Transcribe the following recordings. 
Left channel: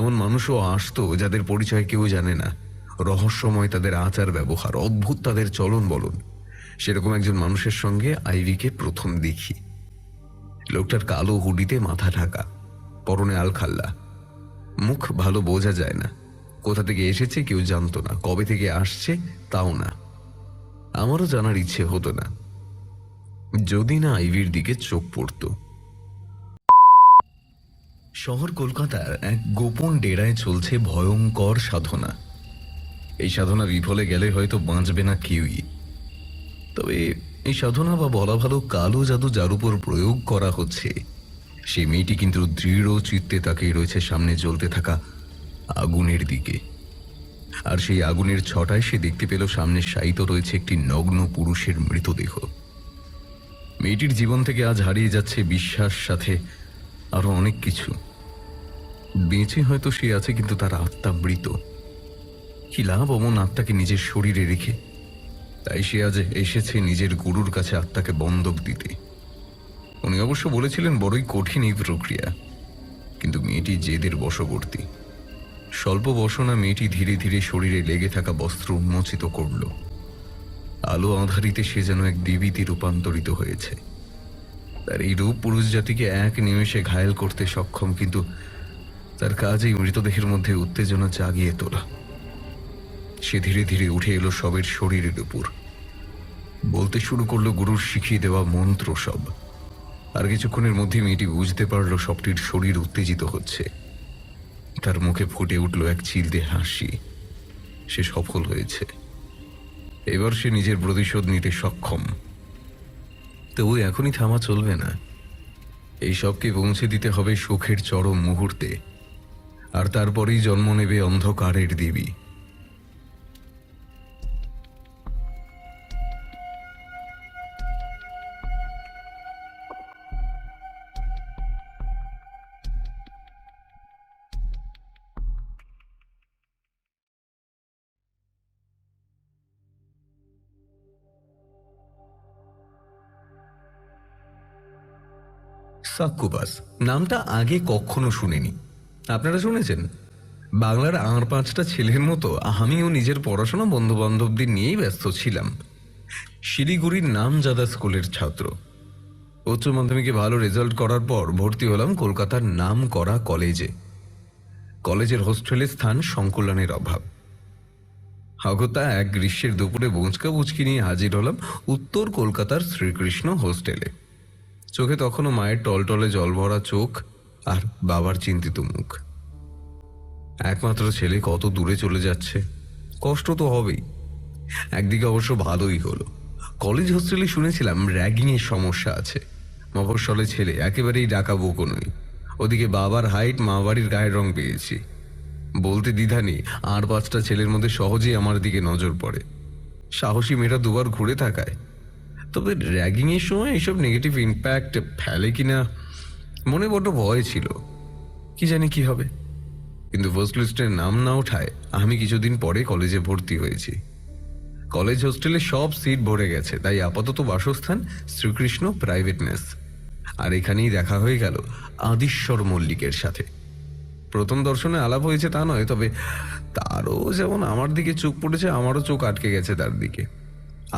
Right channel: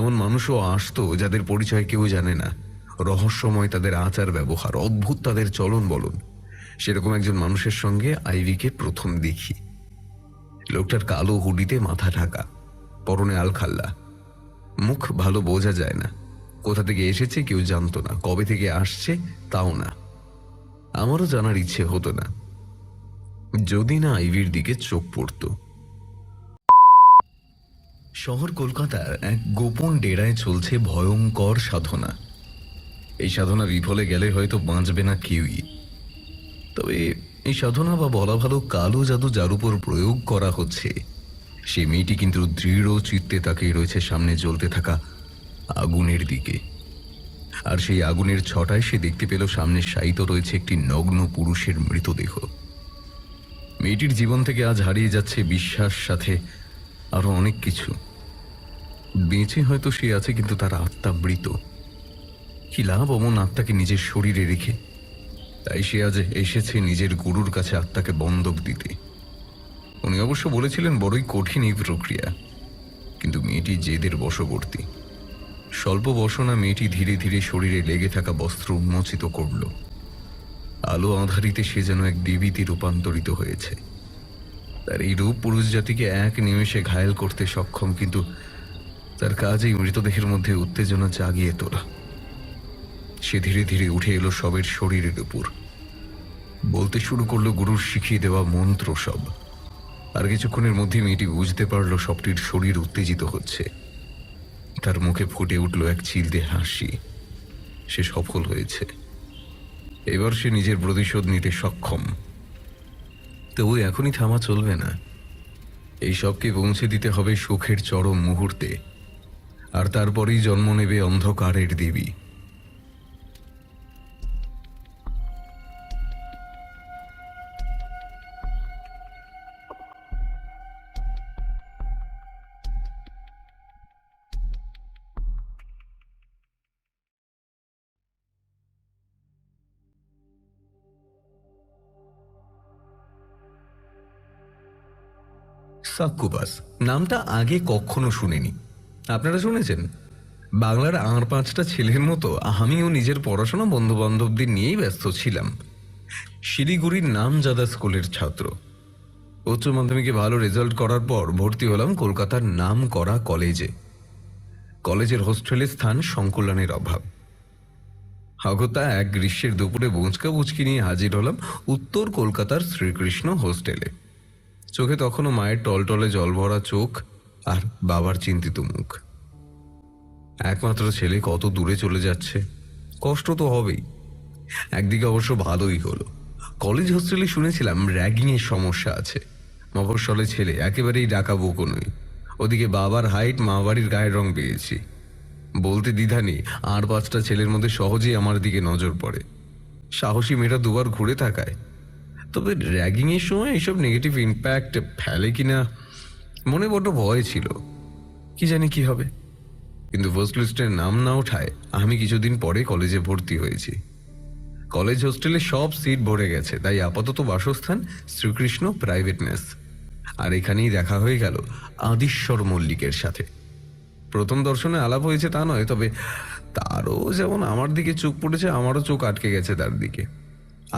এমন মানুষও আসতো যাদের পরিচয় কেউ জানে না, রহস্যময় তাদের আচার ব্যবহার, অদ্ভুত তাদের চলন বলন। সেরকম একজন মানুষের সঙ্গে আইভিকে প্রথম দেখি। লোকটার কালো হুডিতে মাথা ঢাকা, পরনে আলখাল্লা, মুখ ভালো বোঝা যায় না। কোথা থেকে এসেছে কেউ জানতো না, কবে থেকে আসছে তাও না। আমারও জানার ইচ্ছে হতো না, যদি না আইভির দিকে চোখ পড়ত। শহর কলকাতার এক গোপন ডেরায় চলছে ভয়ঙ্কর সাধনা। এই সাধনা বিফলে গেলে হয়তো বাঁচবে না কেউই। তবে এই সাধনা, বা বলা ভালো কালো জাদু, যার উপর প্রয়োগ করা হচ্ছে, সেই মেয়েটি কিন্তু দৃঢ় চিত্তে তাকিয়ে রয়েছে সামনে জ্বলতে থাকা আগুনের দিকে। আর সেই আগুনের ছটায় সে দেখতে পেল সামনে শায়িত রয়েছে একটি নগ্ন পুরুষের মৃতদেহ। মেয়েটির জীবন থেকে আজ হারিয়ে যাচ্ছে বিশ্বাস, সাথে আরো অনেক কিছু। বেঁচে হয়তো সে আছে, কিন্তু তার আত্মা মৃত। কি লাভ অমন আত্মাকে নিজের শরীরে রেখে? তাই সে আজ এসেছে নিজের গুরুর কাছে আত্মাকে বন্ধক দিতে। উনি অবশ্য বলেছিলেন বড়ই কঠিন এই প্রক্রিয়া, কিন্তু মেয়েটি জেদের বশবর্তী। স্বল্প বসনা মেয়েটি ধীরে ধীরে শরীরে লেগে থাকা বস্ত্র উন্মোচিত করল। আলো আঁধারিতে সে যেন এক দেবীতে রূপান্তরিত হয়েছে। তার এই রূপ পুরুষ জাতিকে এক নিমেষে ঘায়েল করতে সক্ষম, কিন্তু তার কাজে মৃতদেহের মধ্যে উত্তেজনা জাগিয়ে তোলা। সে ধীরে ধীরে উঠে এলো সবের শরীরের উপর, বলতে শুরু করলো গুরুর শিখিয়ে দেওয়া মন্ত্র সব। আর কিছুক্ষণের মধ্যে মেয়েটি বুঝতে পারলো সবটির শরীর উত্তেজিত হচ্ছে। তার মুখে ফুটে উঠল এক চিলতে হাসি। সে সফল হয়েছে। এবার সে নিজের প্রতিশোধ নিতে সক্ষম। তবু এখনই থামা চলবে না। এই সবকে পৌঁছে দিতে হবে সুখের চরম মুহূর্তে, আর তারপরেই জন্ম নেবে অন্ধকারের দেবী। সাক্কুবাস নামটা আগে কখনো শুনিনি। আপনারা শুনেছেন? বাংলার আর পাঁচটা ছেলের মতো আমিও নিজের পড়াশোনা, বন্ধু বান্ধবদের নিয়েই ব্যস্ত ছিলাম। শিলিগুড়ির নামজাদা স্কুলের ছাত্র। উচ্চ মাধ্যমিকে ভালো রেজাল্ট করার পর ভর্তি হলাম কলকাতার নাম করা কলেজে। কলেজের হোস্টেলের স্থান সংকলনের অভাব। হগতা এক গ্রীষ্মের দুপুরে বোঁচকা বুচকি নিয়ে হাজির হলাম উত্তর কলকাতার শ্রীকৃষ্ণ হোস্টেলে। চোখে তখনও মায়ের টলটলে জল ভরা চোখ আর বাবার চিন্তিত মুখ। একমাত্র ছেলে কত দূরে চলে যাচ্ছে, কষ্ট তো হবেই। একদিকে অবশ্য ভালোই হলো। কলেজ হোস্টেলে শুনেছিলাম র্যাগিংয়ের সমস্যা আছে। মফস্বলে ছেলে, একেবারেই ডাকা বুকো নই। ওদিকে বাবার হাইট, মা বাড়ির গায়ের রং পেয়েছি। বলতে দ্বিধা নেই, আর পাঁচটা ছেলের মধ্যে সহজেই আমার দিকে নজর পড়ে। সাহসী মেয়েরা দুবার ঘুরে তাকায়। তবে র্যাগিংয়ের সময় এইসব নেগেটিভ ইম্প্যাক্ট ফেলে কিনা মনে বড্ড ভয় ছিল। কি জানি কি হবে। কিন্তু ফার্স্ট লিস্টের নাম না ওঠায় আমি কিছুদিন পরে কলেজে ভর্তি হয়েছি। কলেজ হোস্টেলে সব সিট ভরে গেছে, তাই আপাতত বাসস্থান শ্রীকৃষ্ণ প্রাইভেট মেস। আর এখানেই দেখা হয়ে গেল আদিশ্বর মল্লিকের সাথে। প্রথম দর্শনে আলাপ হয়েছে তা নয়, তবে তারও যেমন আমার দিকে চোখ পড়েছে, আমারও চোখ আটকে গেছে তার দিকে।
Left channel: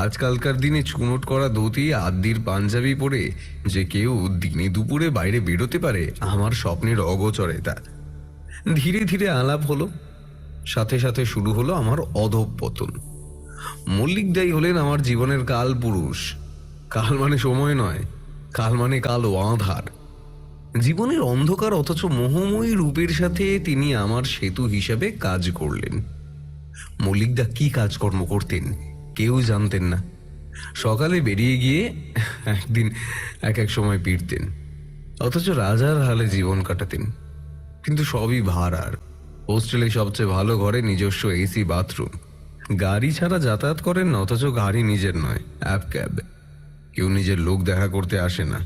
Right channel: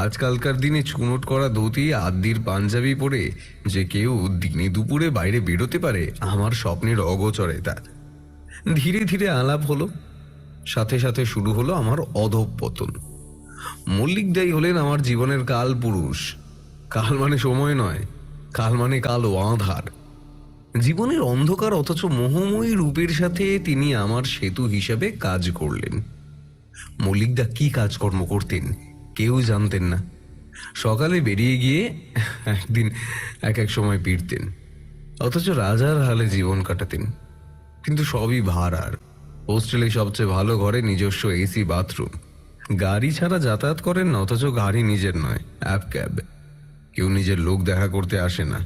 আজকালকার দিনে চুনোট করে ধুতি, আদির পাঞ্জাবি পরে যে কেউ দিনে দুপুরে বাইরে বেরোতে পারে, আমার স্বপ্নের অগোচরে তার। ধীরে ধীরে আলাপ হলো, সাথে সাথে শুরু হলো আমার অধঃপতন। মল্লিক দাই হলেন আমার জীবনের কাল পুরুষ। কাল মানে সময় নয়, কাল মানে কালো আঁধার। জীবনের অন্ধকার অথচ মোহময়ী রূপের সাথে তিনি আমার সেতু হিসাবে কাজ করলেন। মল্লিকদা কি কাজকর্ম করতেন কেউ জানতেন না। সকালে বেরিয়ে গিয়ে একদিন এক এক সময় ফিরতেন, অথচ রাজার হালে জীবন কাটাতেন। কিন্তু সবই ভাড়ার। হোস্টেলে সবচেয়ে ভালো ঘরে নিজস্ব এসি, বাথরুম। গাড়ি ছাড়া যাতায়াত করেন না, অথচ গাড়ি নিজের নয়, আপ ক্যাব। কেউ নিজের লোক দেখা করতে আসে না।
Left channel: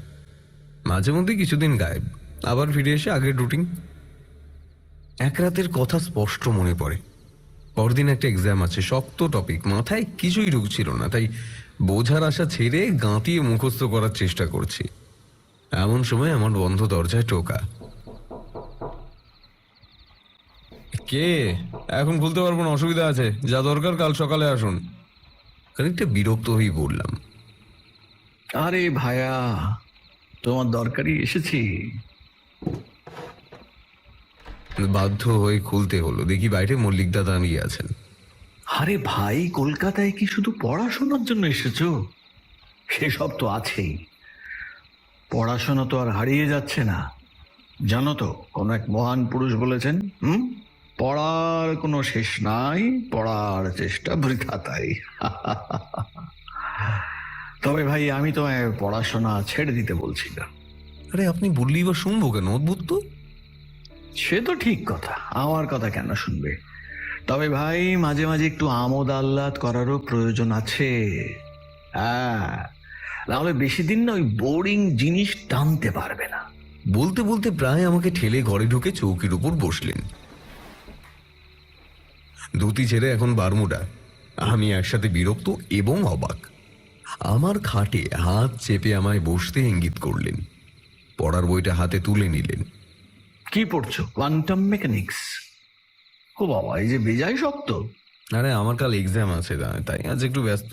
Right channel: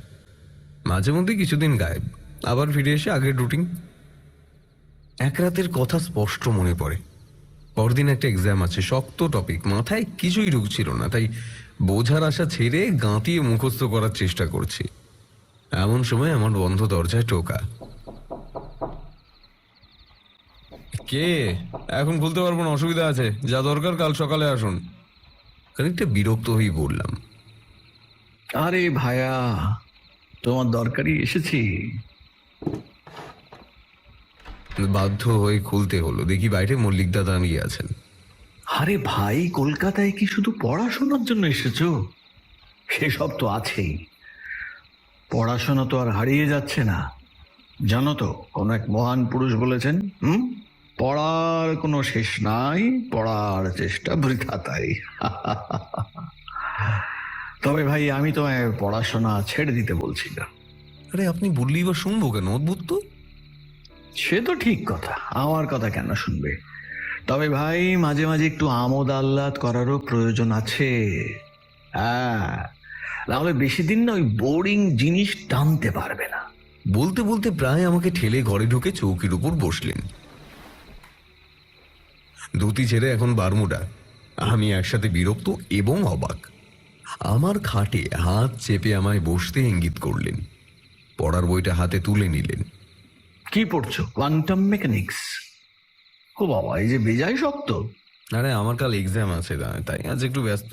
মাঝে মধ্যে কিছুদিন গায়েব, আবার ফিরে এসে আগের রুটিন। এক রাতের কথা স্পষ্ট মনে পড়ে। পরদিন একটা এক্সাম আছে, শক্ত টপিক, মাথায় কিছুই ঢুকছিল না, তাই বোঝার আশা ছেড়ে গাঁতিয়ে মুখস্থ করার চেষ্টা করছি। এমন সময় আমার বন্ধ দরজায় টোকা। কে? এখন খুলতে পারবো না, অসুবিধা আছে। যা দরকার কাল সকালে আসুন। খানিকটা বিরক্ত হয়ে বললাম। আরে ভাইয়া, তোমার দরকারই এসেছি। বাধ্য হয়ে খুলতে হলো। দেখি বাইরে মল্লিকদা দাঁড়িয়ে আছেন। আরে ভাই, কলকাতায় কি শুধু পড়াশোনার জন্য এসেছ? সেসব তো আছেই, পড়াশোনা তো আর হারিয়ে যাচ্ছে না। জানো তো, কোন এক মহান পুরুষ বলেছেন, পড়ার কোনো শেষ নাই, পড়ার চেষ্টা বৃথাতাই। তবে ভাই, আমি তো পড়াশোনা ছেড়ে দিতে বলছি না। আরে আপনি বললেই বা শুনবো কেন? অদ্ভুত তো। সে তো ঠিক কথা, আমার কথা কেন শুনবে? তবে ভাই, মাঝে মাঝে একটু আমোদ আহ্লাদ করারও প্রয়োজন আছে। হ্যাঁ, নাহলে বেশি দিন না ওই বোরিং জিনিস টানতে পারবে না। বলতে বলতে প্রায় আমাকে ঠেলে ঘরে ঢুকে চৌকির উপর বসলেন। ধুতি ছেড়ে এখন বারমুডায়। আমি একসাথে বিরক্ত এবং অবাক। আমার খাটে হাত চেপে আমায় বসতে ইঙ্গিত করলেন। পড়ার বইটা হাতে তুলে নিলেন। কি পড়ছো? Quantum mechanics? ও বাবা, এই যে বেজায় শক্ত। আরে আমার কাল এক্সাম আছে না, তাই আজ একটু ব্যস্ত।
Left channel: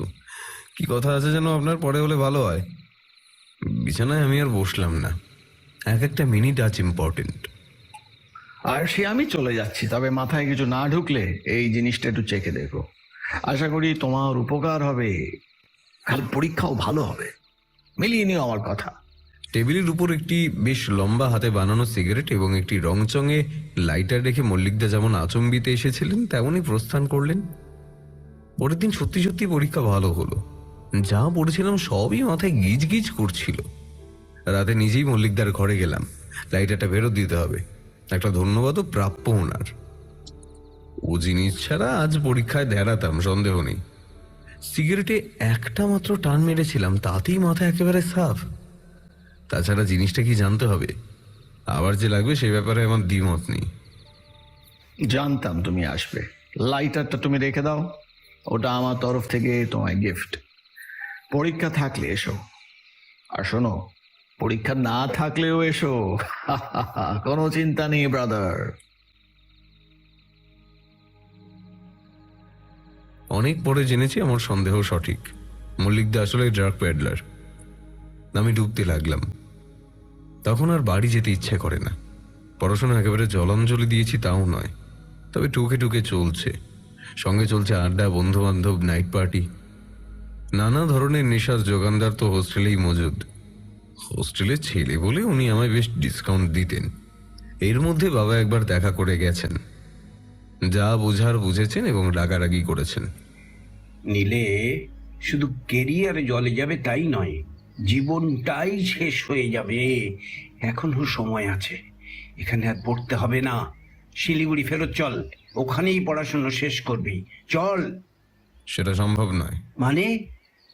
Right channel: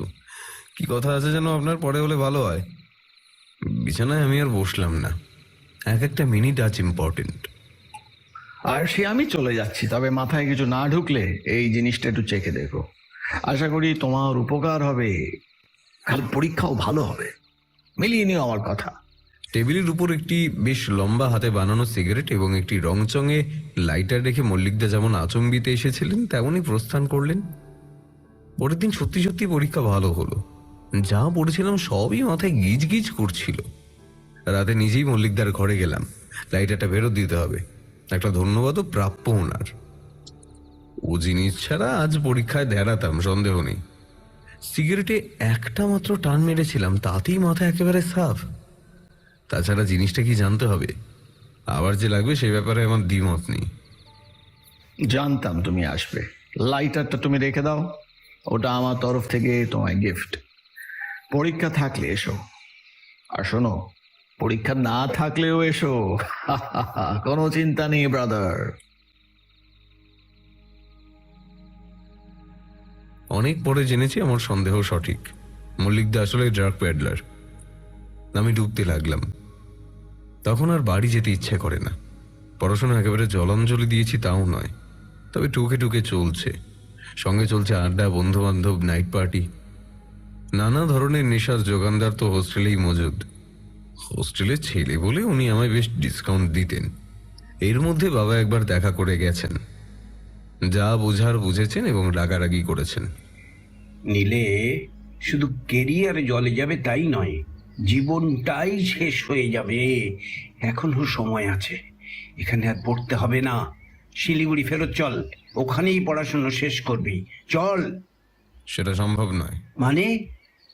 কি কথা আছে যেন আপনার, পরে হলে ভালো হয়। বিছানায় আমি আর বসলাম না। এক একটা মিনিট আজ ইম্পর্টেন্ট। আর সে আমি চলে যাচ্ছি, তবে মাথায় কিছু না ঢুকলে এই জিনিসটা একটু চেখে দেখো। আশা করি তোমার উপকার হবে, খালি পরীক্ষাও ভালো হবে। মিলিয়ে নিও আমার কথা। টেবিলের উপর একটি বেশ লম্বা হাতে বানানো সিগারেট এবং একটি রংচঙে লাইটার রেখে মল্লিকদা যেমন আচম্বিতে এসেছিলেন তেমনই প্রস্থান করলেন। পরের দিন সত্যি সত্যি পরীক্ষা ভালো হলো। যা পড়েছিলাম সবই মাথায় গিজ গিজ করছিল। রাতে নিজেই মল্লিকদার ঘরে গেলাম। লাইটারটা ফেরত দিতে হবে। একটা ধন্যবাদও প্রাপ্য ওনার। ও জিনিস ছাড়া আজ পরীক্ষায় দেখাতাম, সন্দেহ নেই। সিগারেটে একটা মাত্র টান মেরেছিলাম, তাতেই মাথা একেবারে সাফ। তাছাড়া জিনিসটা কি জানতে হবে, আবার যে লাগবে সে ব্যাপারে আমার দ্বিমত নেই। জানতাম তুমি আসবে। লাইটারটা তুমি রেখে দাও, ওটা আমার তরফ থেকে তোমায় গিফট। পরীক্ষা থাকলে এসো, আর শোনো, পরীক্ষা না থাকলেও এসো। কোনো চিন্তা নেই ব্রাদার। অনেক পরে জেনেছি আমার সন্দেহ সঠিক। মল্লিকদা আসলে ড্রাগ প্যাডলার। আমি ডুবতে লাগলাম। তখন আর বাড়ি যেতে ইচ্ছে করে না। পড়াশোনা একেবারে জলাঞ্জলি দিয়েছি তাও নয়, তবে টুকে টুকে চলছে। সঙ্গে চলছে আড্ডা, বন্ধু বান্ধব, নাইট পার্টি। নানা ধরনের নেশার যোগানদার তো হোস্টেলেই মজুদ। হোস্টেলের ছেলে বলে উনি আমায় বেশ ডিসকাউন্ট দিতেন। এর মধ্যে বাবা একবার দেখা করে গেছেন। যা বোঝার বুঝেছেন এবং রাগারাগি করেছেন। নিলে শুধু কেরিয়ার জলে যাবে তাই নয়, জীবনটাই শেষ হয়ে যাবে। এখনো সময় আছে, এখানে আর পড়তে হবে না। শিলিগুড়ি ফেরত চল, ওখানেই পড়াশুনো শেষ করবি। চল। সেটা সম্ভব নয়। মানে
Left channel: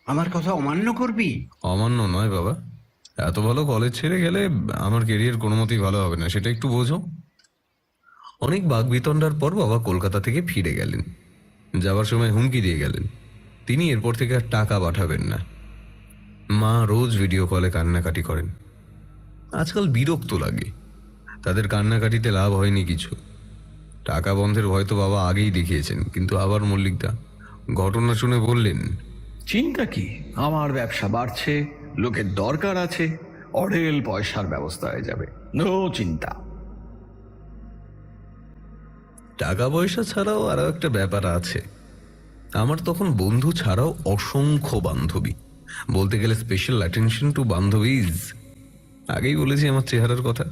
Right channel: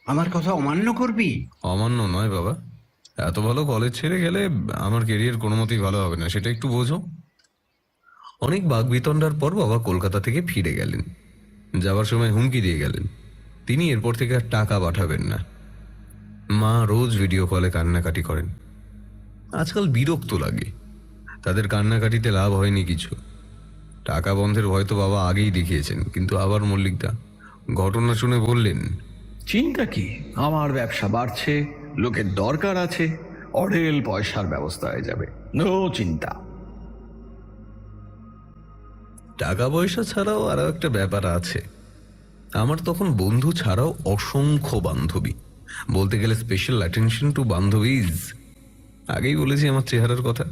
আমার কথা অমান্য করবি? অমান্য নয় বাবা, এত ভালো কলেজ ছেড়ে গেলে আমার কেরিয়ার কোনো মতেই ভালো হবে না, সেটা একটু বোঝো। অনেক বাগবিতণ্ডার পর বাবা কলকাতা থেকে ফিরে গেলেন। যাওয়ার সময় হুমকি দিয়ে গেলেন তিনি এরপর থেকে আর টাকা পাঠাবেন না। মা রোজ ভিডিও কলে কান্নাকাটি করেন। আজকাল বিরক্ত লাগে। তাদের কান্নাকাটিতে লাভ হয়নি কিছু। টাকা বন্ধের ভয় তো বাবা আগেই দেখিয়েছেন, কিন্তু আবার মল্লিকদা ঘটনা শুনে বললেন, চিন্তা কি, আমার ব্যবসা বাড়ছে, লোকের দরকার আছে, অঢেল পয়সার ব্যবস্থা হয়ে যাবে, নো চিন্তা। টাকা পয়সা ছাড়াও আরো একটা ব্যাপার আছে। আমার তখন বন্ধু ছাড়াও অসংখ্য বান্ধবী, বলতে গেলে স্পেশাল অ্যাটেনশন টু বান্ধবীজ। আগেই বলেছি আমার চেহারার কথা,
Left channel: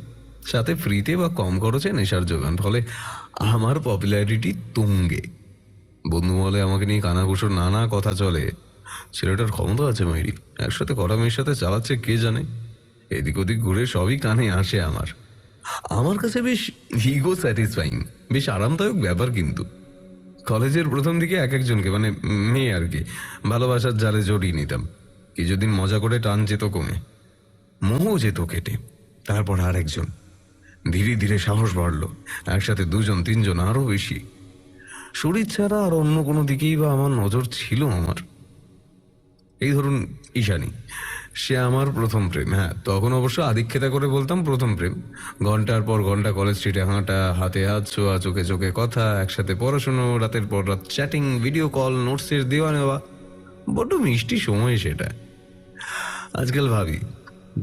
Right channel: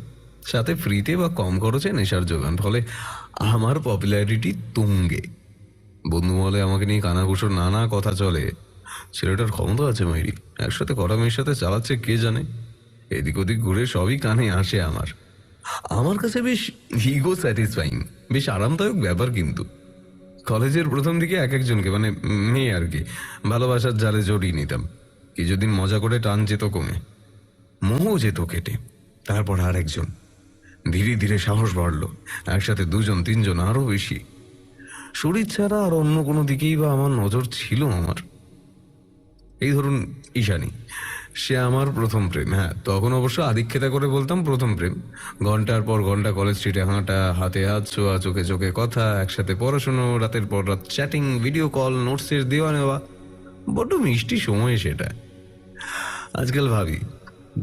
সাথে ফ্রিতে বা কম খরচে নেশার যোগান, ফলে আমার পপুলারিটি তুঙ্গে। বন্ধু বলে আমাকে নিয়ে কানাঘুষোর নানা কথা চলে। ছেলেটার ক্ষমতা আছে মাইরি, একসাথে করা মেয়ের সাথে চালাচ্ছে কে জানে। এদিক ওদিক ঘুরে সবই কানে আসে আমার। আমার কাছে বেশ ইগো স্যাটিসফাইং, বেশ আরামদায়ক ব্যাপার। কিন্তু কলেজের প্রথম দিকে এক একজনকে, মানে মেয়ে আর কি, ভালোবাসার জালে জড়িয়ে নিতাম। কিছুদিন মজা করে টান যেত কমে, মোহ যেত কেটে। তারপর আরেকজন, ধীরে ধীরে সাহস বাড়লো। একসাথে দুজন তিনজন আরো বেশি। শরীর ছাড়া আর অন্য কোনো দিকেই বা আমার নজর ছিল আমার। এই ধরুন ঈশানী, সে আমার প্রথম প্রেম। হ্যাঁ, তখন অবশ্য আদিক্ষেতা করে বলতাম প্রথম প্রেম। ঘন্টার পর ঘন্টা কলেজ স্ট্রিটে হাঁটা, হাতে হাত ছোঁয়া, চোখে চোখে কথা, একসাথে পড়াশুনো, রাতের পর রাত চ্যাটিং, ভিডিও কল, নোটসের দেওয়া নেওয়া। বড্ড মিষ্টি সময় সেটাই। আজকাল ভাবি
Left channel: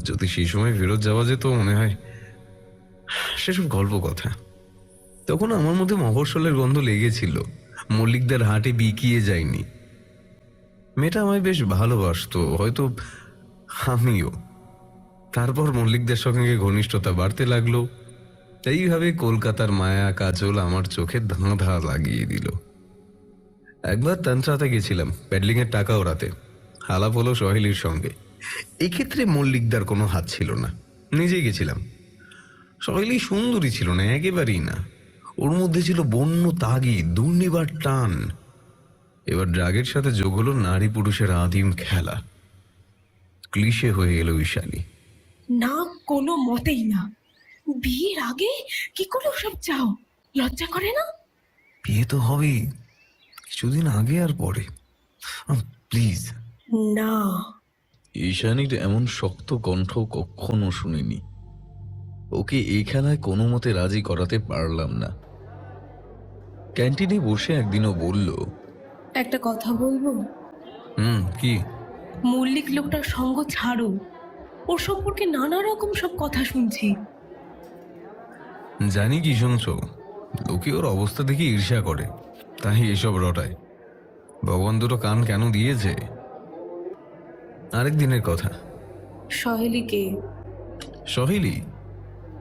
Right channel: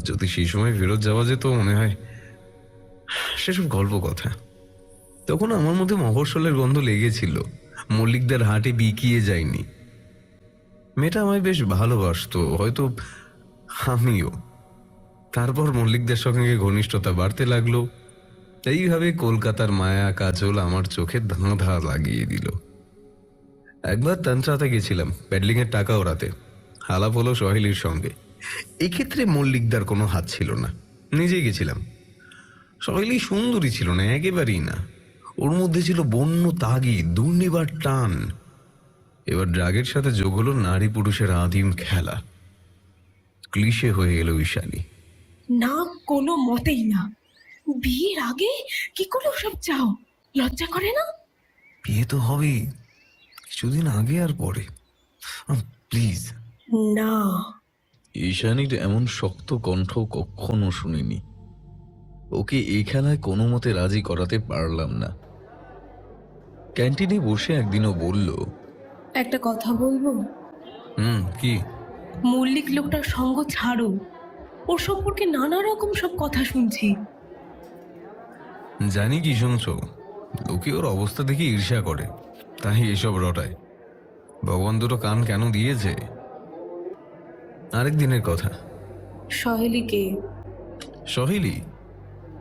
যদি সেই সময় ফেরত যাওয়া যেত, মনে হয় সেসব গল্প কথা। তখন আমার মতো মফস্বলের গন্ধ লেগেছিল, মল্লিকদের হাটে বিকিয়ে যায়নি। মেয়েটা আমায় বেশ ভালোবাসতো, হয়তো আমিও। তারপর মল্লিকদের সঙ্গে ঘনিষ্ঠতা বাড়তে লাগলো। এইভাবে কলকাতার মায়া কাজল আমার চোখে ধাঁধা লাগিয়ে দিল। একবার তানচাতে গেছিলাম প্যাডলিং এর টাকা ওড়াতে। আলাপ হলো সহেলির সঙ্গে। এক্ষেত্রে মল্লিকদার কোনো হাত ছিল না, নিজে গেছিলাম। সহেলি সুন্দরী ছিল না, একেবারেই না। ওর মধ্যে ছিল বন্য তাগিদ, দুর্নিবার টান। এবার ড্রাগের সাথে যোগ হলো নারী পুরুষের আদিম খেলা। ক্লিশে হয়ে গেল ঈশানী। না, কোনো মতেই না। বিয়ের আগে কি করে ওসব চাও? লজ্জা করে না? বিয়ে তো হবেই, কিছুদিন আগে আর পরে। প্লিজ। না। ঈশানীর এমন শক্ত কণ্ঠ কখনো শুনিনি। ওকে এই খেলায় কোনো মতে রাজি করাতে পারলাম না। ক্যান্টিনে বসে একদিনও বলল, একটা কথা বলবো? কি? মল্লিক লোকটার সঙ্গ ছাড়ো। ওর সম্পর্কে নানা রকম সব কথা শুনছি। জানি কি শুনছো, লোকে ওর অবস্থা দেখে ঈর্ষা করে, তাই এসব রটায়। ভগবান দুটো কান কেন দিয়েছে? আরেক দিনের কথা। সহেলিকে। সহেলি?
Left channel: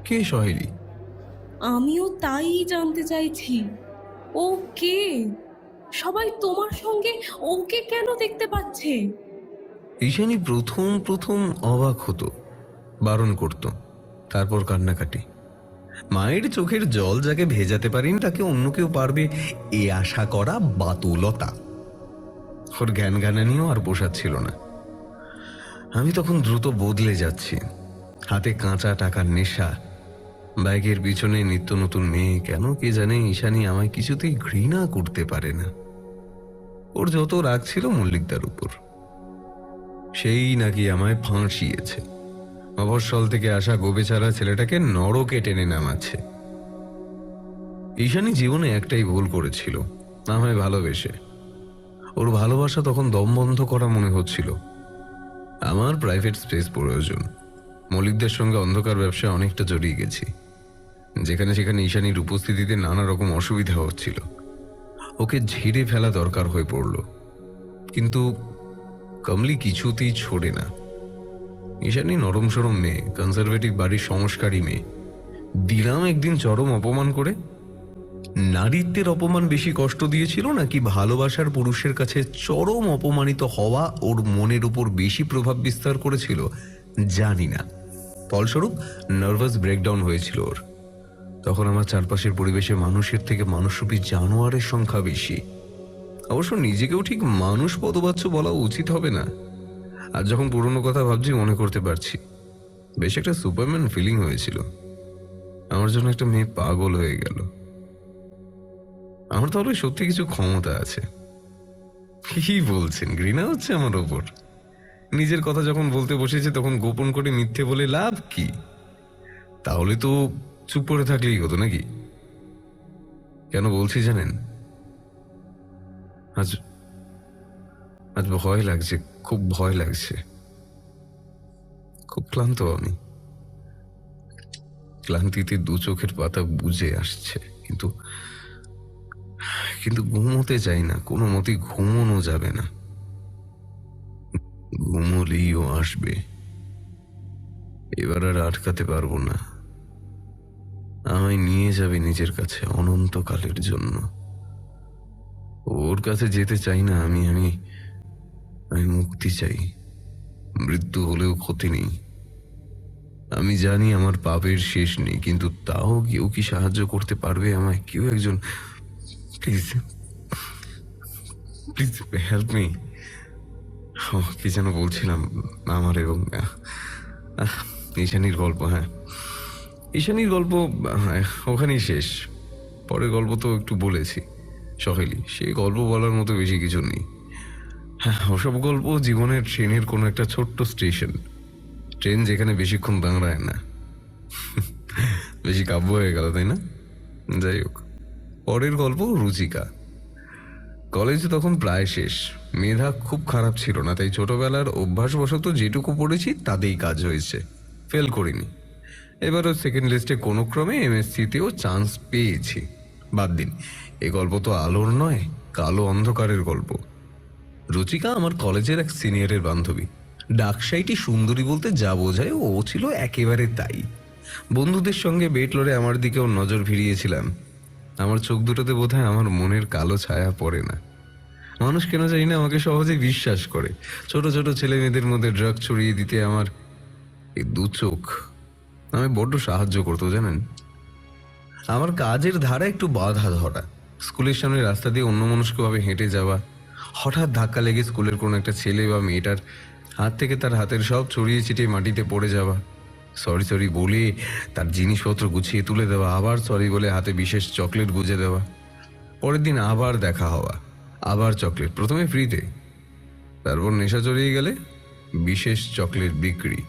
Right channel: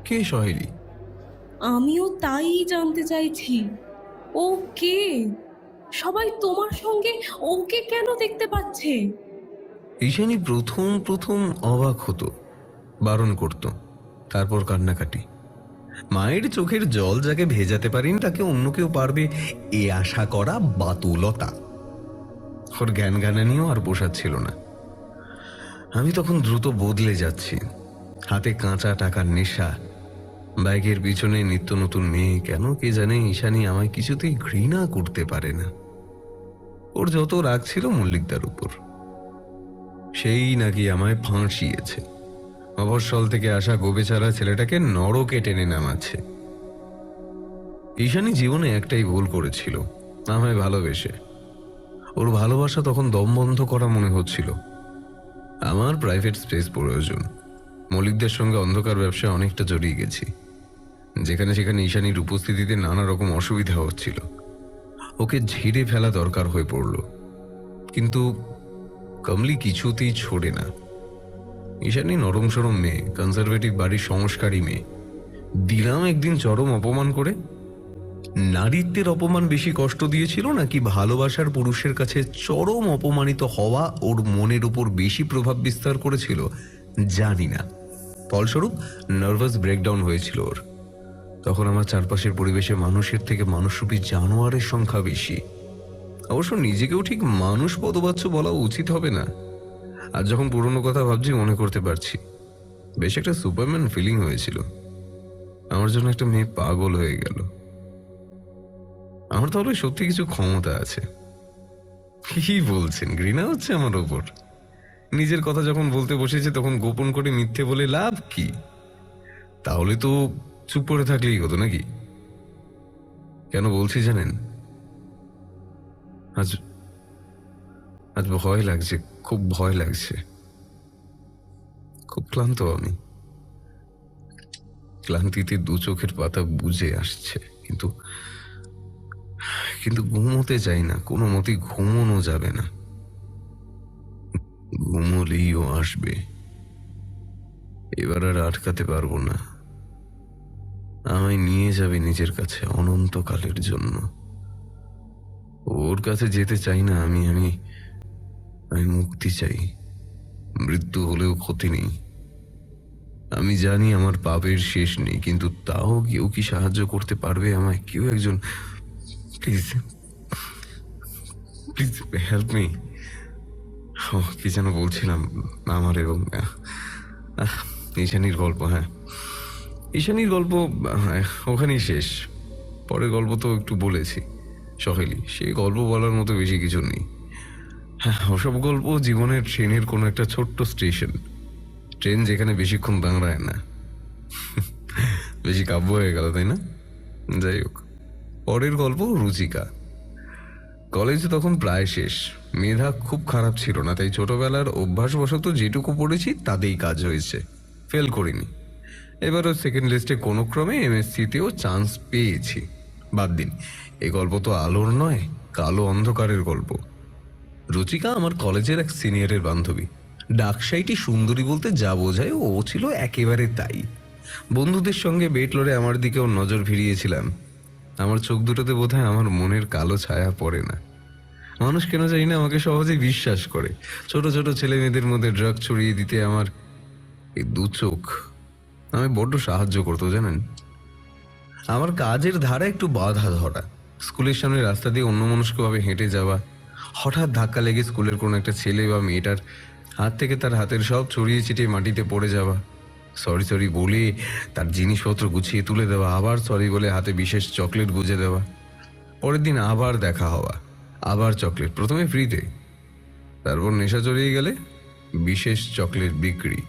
কে সহেলি? আমিও তাই জানতে চাইছি। ও কে? সবাই তোমার সঙ্গে ওকে কেন দেখতে পাচ্ছে? ঈশানী প্রথম প্রথম অবাক হতো, বারণ করত, তারপর কান্নাকাটি। মায়ের চোখের জল যাকে ভেজাতে পারেনি তাকে অন্য কেউ পারবে এ আশা করা বাতুলতা। ওর জ্ঞান জ্ঞানে নিয়েও আর বসাচ্ছিল না। আমি তখন দ্রুত বদলে যাচ্ছি। হাতে কাঁচা টাকার নেশা, বাইকের পিছনে নিত্য নতুন মেয়ে। কেন কে জানে ঈশানী আমায় কিছুতেই ঘৃণা করতে পারে না। ওর যত রাগ ছিল মল্লিকদার উপর। সেই নাকি আমায় ফাঁসিয়েছে, মফস্বল থেকে আসা গোবেচারা ছেলেটাকে নরকে টেনে নামাচ্ছে। ঈশানী জীবনে একটাই ভুল করেছিল, আমায় ভালোবেসে। ওর ভালোবাসা তখন দম বন্ধ করা মনে হচ্ছিল। আমার প্রাইভেট স্পেস প্রয়োজন। মল্লিকদের সঙ্গে অন্ধকার ব্যবসায় অনেকটা জড়িয়ে গেছি, যেখানে সেখানে ঈশানীর উপস্থিতিতে নানা রকম অসুবিধা হচ্ছিল। ওকে ঝিরে ফেলা দরকার হয়ে পড়ল, কিন্তু কমলি কিছুতেই ছোড়ে না। ঈশানী নরম সরম মেয়ে, কনজারভেটিভ বাড়ির সংস্কারী মেয়ে। দিলাম একদিন চরম অপমান করে। নারীত্বের অপমান বেশি কষ্ট দিয়েছিল নাকি ভালোবাসার পুরুষের কাছে চরম অপমানিত হওয়া ওর মনের উপর বেশি প্রভাব বিস্তার করেছিল জানি না। ফলস্বরূপ নার্ভাস ব্রেকডাউন হয়েছিল ওর। তখন আমার চারপাশের পরিবেশে মানুষের থেকে মানুষরূপী জানোয়ারের সংখ্যা বেশি। অবশ্য নিজেকেও ঠিক মানুষ পদবাচ্য বলা উচিত হবে না। আর যখন পুরনো কথা ভাবছি মনে করতে পারছি, বেশ একটা সুপারম্যান ফিলিং হয়েছিল। আমার জন্য একটা মেয়ে পাগল হয়ে গেল। আমার তাহলে সত্যি কিছু ক্ষমতা আছে। কি বলছেন? ঘৃণা হচ্ছে আমার উপর? নিজের কথা যখন বলতে বসেছি তখন গোপন করে মিথ্যে বলে লাভ কি? তাহলে তো চুপ করে থাকলেই হতো নাকি? কেন বলছি জানেন? আজ আজ ভয় লাগছে, খুব ভয় লাগছে। খুব ক্লান্ত আমি। ক্লান্তিতে দু চোখের পাতা বুঝে আসছে, কিন্তু কিন্তু ঘুমোতে চাই না। কোনো মতে ঘুমোনো যাবে না। ঘুমোলেইও আসবে। এবার আর আটকাতে পারবো না। আমায় নিয়ে যাবে নিজের কাছে অনন্তকালের জন্য। ওর কাছে যেতে চাই না আমি। আমি আমি মুক্তি চাই। মৃত্যু হলেও ক্ষতি নেই। আমি জানি আমার পাপের শেষ নেই, কিন্তু তাও কেউ কি সাহায্য করতে পারবে আমায়? কেউ একজন, প্লিজ প্লিজ হেল্প মি। কি যেন বলছিলাম, আমার এবং ঈশানীর গল্প। হ্যাঁ, ঈশানীর গল্প ওখানেই শেষ। পরের গল্প তো একটু বলেছি, সহেলি। সেই গল্প বলার মতো বেশি কিছু নেই। হ্যাঁ, ওসব গল্প জীবনের ট্রেনের কোনো একটা ছোট্ট স্টেশন, ট্রেন যেখানে বেশিক্ষণ দাঁড়ায় না। বেশি কাব্য হয়ে গেল, তাই না? যাই হোক, পরের গল্প রুচিকা। কলেজ তখন প্রায় শেষ। মেধা খুব খারাপ ছিল না, তাই ছোটবেলার অভ্যাসবশত যেটুকু পড়েছি তাতেই কাজ হয়েছে, ফেল করিনি। এবারও সেকেন্ড লিস্টে কোনো ক্রমে এমএসসিতেও চান্স পেয়েছি। বাদ দিন, এই গল্প তো আলোর নয়, কালো অন্ধকারের গল্প। রুচিকা আমার কলেজের এক সিনিয়রের বান্ধবী। ডাকসাইটি সুন্দরী বলতে যা বোঝায় ও ছিল একেবারে তাই। বন্ধুদের সঙ্গে বেট লড়ে আমার দিকে ওর নজর ফিরিয়েছিলাম। আমার চোখ দুটোতে বোধহয় আমার মনের কালো ছায়া পড়ে না। মানুষ কেন জানি না আমাকে সহজেই বিশ্বাস করে। ছোট ছোট ছেলে মেয়েদের মধ্যে ড্রাগ ছড়িয়ে দিতে আমার এই দু চোখ আমি বড্ড সাহায্য করতো, জানেন। আমার কাজের ধারে একটু বাধা ধরা, স্কুলের সামনে রাস্তা দিয়ে অন্যমনস্কভাবে হেঁটে যাওয়া, হঠাৎ ধাক্কা লেগে স্কুলের কোনো একটা ছেলে বা মেয়েটার হাত থেকে তার হাতের সব ছড়িয়ে ছিটিয়ে মাটিতে পড়ে যাওয়া, সরি সরি বলি তার জিনিসপত্র গুছিয়ে তুলে দেওয়া, আবার সরি বলে হাতে বিশেষ চকলেট গুজে দেওয়া, পরের দিন আবার দেখা হওয়া, আবার চকলেট, প্রথমে ফ্রিতে, তারপর নেশা জড়িয়ে গেলে বিশেষ চকলেট বিক্রি,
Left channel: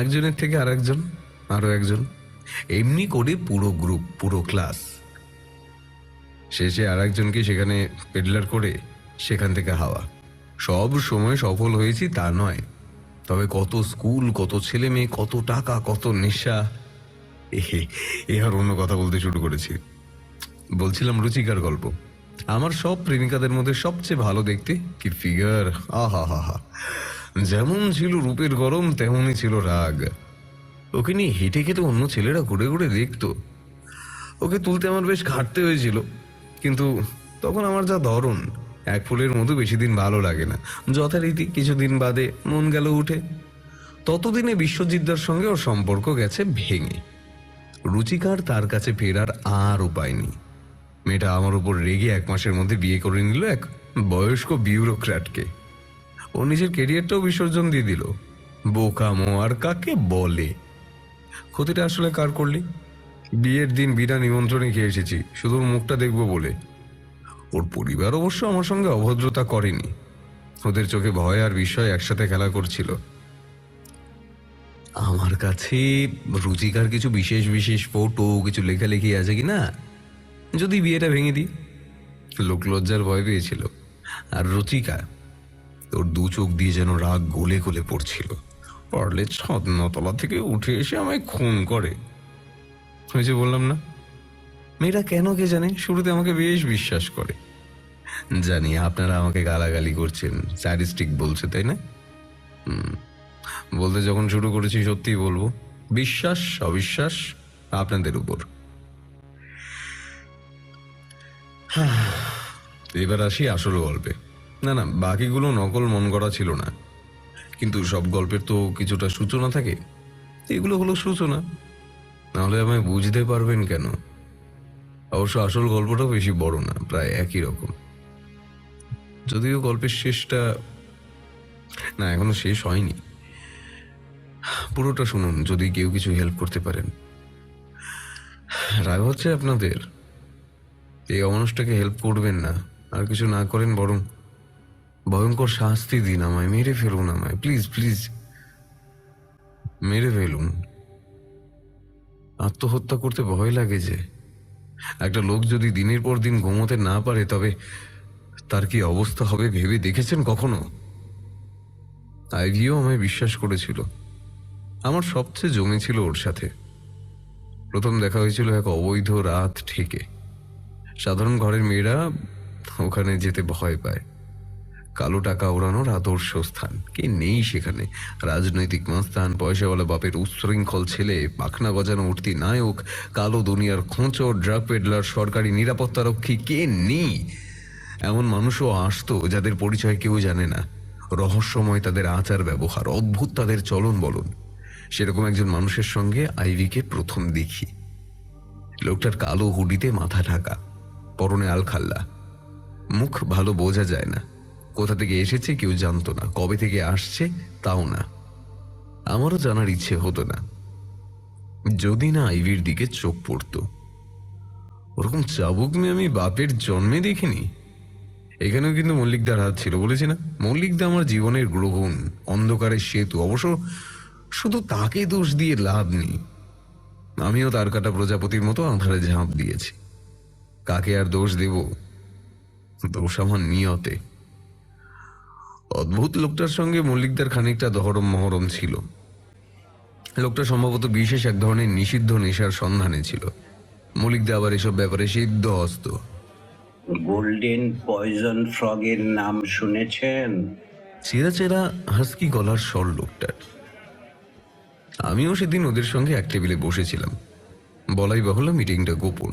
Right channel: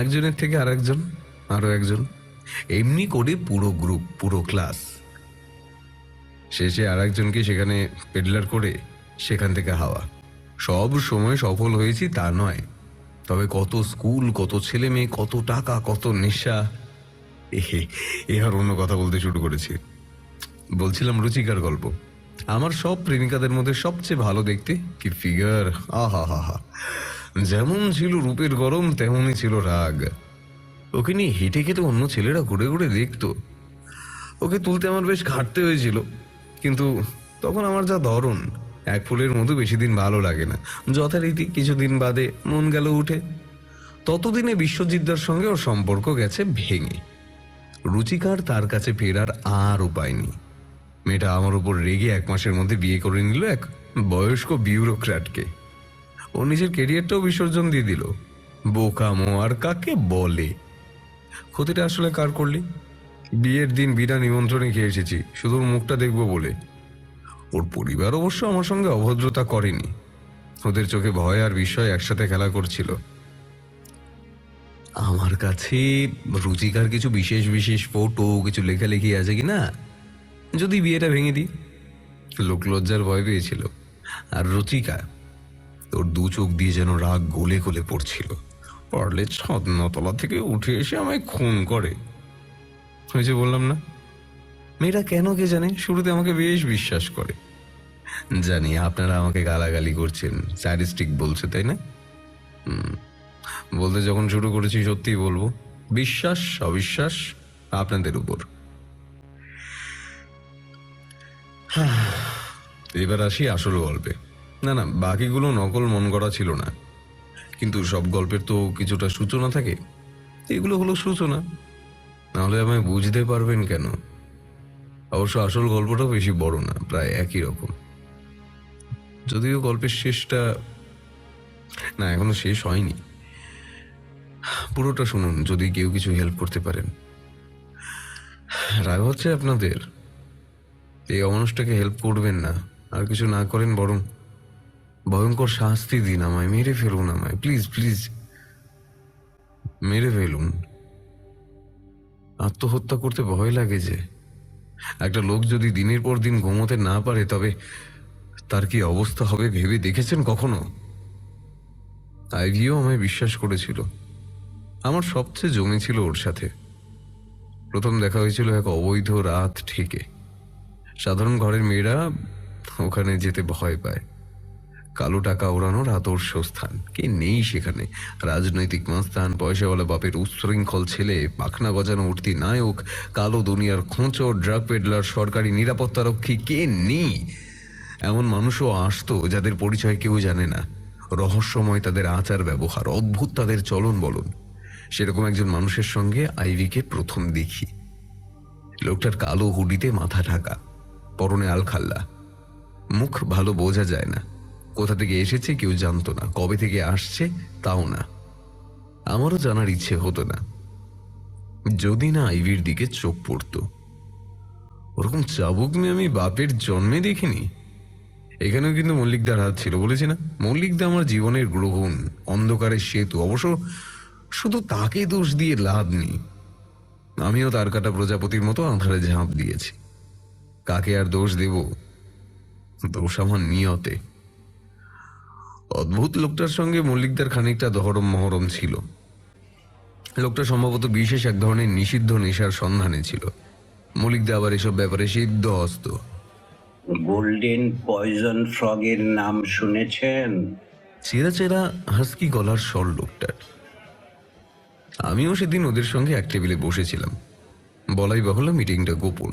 একজনের থেকে আর একজন, আরো একজন, এমনি করে পুরো গ্রুপ, পুরো ক্লাস। শেষে আর একজনকে সেখানে পেডলার করে সেখান থেকে হাওয়া। সব সময় সফল হয়েছি তা নয়, তবে কত স্কুল, কত ছেলে মেয়ে, কত টাকা, কত নেশা। আর অন্য কথা বলতে শুরু করেছি। বলছিলাম রুচিকার গল্প। আমার সব প্রেমিকাদের মধ্যে সবচেয়ে ভালো দেখতে কি ফিগার, আহা হা হা, যেমন ছিল রূপের গরম তেমনই ছিল রাগ। ওকে নিয়ে হেঁটে খেতে অন্য ছেলেরা ঘুরে ঘুরে দেখতো। ওকে তুলতে আমার বেশ ঘাটতে হয়েছিল, কিন্তু তখন আমার যা ধরন, এক ফুলের মতো বেশি দিন ভালো লাগে না। যথারীতি কিছুদিন বাদে মন গেল উঠে। ততদিনে বিশ্বজিৎদার সঙ্গে ওর সম্পর্ক গেছে ভেঙে। রুচিকার তার কাছে ফেরার আর উপায় নেই। মেয়েটা আমার উপর রেগে 1 মাসের মধ্যে বিয়ে করে নিল এক বয়স্ক বিউরোক্র্যাটকে। ও নিজের কেরিয়ারটাও বিসর্জন দিয়ে দিল। বোকামো আর কাকে বলে। ক্ষতিটা আসলে কার করলি? বিয়ের দিন বিনা নিমন্ত্রণে খেয়ে এসেছি, শুধু মুখটা দেখবো বলে। ওর পরিবার অবশ্য আমার সঙ্গে অভদ্রতা করেনি। ওদের চোখে ভয় আর বিস্ময় একসাথে খেলা করছিল। আমার কাছে রুচিকার কিছু বিশেষ বিশেষ ফটো, কিছু লেখালেখি আছে কিনা, যদি বিয়েটা ভেঙে দিই। লোক লজ্জার ভয় পেয়েছিল। আর রুচিকা, তোর 2 চোখ দিয়ে যেন রাগ গলে গলে পড়ছিল। ওর নিজ ছদ্মতলা থেকে উঠে এসে আমায় খুন করে। ওই যে বললাম না, মেয়েটা কেন কে জানি শুরুতে আমাকে বেশ বিশ্বাস করে। জানি আপনারা আমাকে গালাগালি করছেন, স্যাডিস্টিক বলছে, তাই না? বলতে যখন শুরু করেছি সত্যি বলবো, বিশ্বাস অবিশ্বাস আপনাদের উপর। এবার আসি আসল গল্পে। না না, বাকিগুলো নকল মন করা ছিল না, কিন্তু সব গল্পের তো কিছুটা সূচনা থাকে। এগুলো হলো সূচনা, নাহলে আমায় বুঝতেই পারবেন কেন। অবশ্য আসল গল্পটা বেশি বড় না, প্রায় একই রকম। যদিও গল্পের শেষটা না, এখনো শেষ হয়নি। পুরোটা শুনুন, যদি কেউ কিছু হেল্প করতে পারেন। রাগ হচ্ছে আপনাদের? এই অমানুষটাকে হেল্প করবেন না, আর কিছু না করেন, বরং ভয়ঙ্কর শাস্তি দিন আমায়, মেরে ফেলুন আমায়, প্লিজ প্লিজ মেরে ফেলুন। আত্মহত্যা করতে ভয় লাগেছে। একটা লোক যদি দিনের পর দিন ঘুমোতে না পারে, তবে তার কি অবস্থা হবে ভেবে দেখেছেন কখনো? আইভিও আমায় বিশ্বাস করেছিল। আমার সবচেয়ে জমেছিল ওর সাথে। প্রথম দেখা হয়েছিল এক অবৈধ রাত থেকে। সাধারণ ঘরের মেয়েরা ওখানে যেতে ভয় পায়। কালো টাকা ওড়ানোর আদর্শ স্থান, কি নেই সেখানে? রাজনৈতিক মাস্তান, পয়সাওয়ালা বাপের উচ্ছৃঙ্খল ছেলে, পাখনা গজানো উঠতি নায়ক, কালো দুনিয়ার খোঁচর, ড্রাগ পেডলার, সরকারি নিরাপত্তারক্ষী, কে নেই? এমন মানুষও আসতো যাদের পরিচয় কেউ জানে না। রহস্যময় তাদের আচার ব্যবহার, অদ্ভুত তাদের চলন বলন। সেরকম একজন মানুষের সঙ্গে আইভিকে প্রথম দেখি। লোকটার কালো হুডিতে মাথা ঢাকা, পরনে আলখাল্লা, মুখ ভালো বোঝা যায় না। কোথা থেকে এসেছে কেউ জানতো না, কবে থেকে আসছে তাও না। আমারও জানার ইচ্ছে হতো না, যদি না আইভির দিকে চোখ পড়তো। ওরকম চাবুক মেয়ে আমি বাপের জন্মে দেখিনি। এখানেও কিন্তু মল্লিকদার হাত ছিল, বলেছি না? মল্লিকদা আমার জীবনের গ্রহণ, অন্ধকারের সেতু। অবশ্য শুধু তাকে দোষ দিয়ে লাভ নেই, আমিও তার কাটা প্রজাপতির মতো আঁধারে ঝাঁপ দিয়েছি। কাকে আর দোষ দেব? দোষ আমার নিয়তে। অদ্ভুত লোকটার সঙ্গে মল্লিকদার খানিকটা দহরম মহরম ছিল। লোকটা সম্ভবত বিশেষ এক ধরনের নিষিদ্ধ নেশার সন্ধানে ছিল। মল্লিকদা আবার এসব ব্যাপারে সিদ্ধ হস্ত। গোল্ডেন পয়জন ফ্রগের নাম শুনেছেন? চেরা চেরা হাস্কি গলার স্বর লোকটার। আমিও সেদিন ওদের সঙ্গে এক টেবিলে বসেছিলাম। বলাই বাহুল্য মিটিংটা গোপন।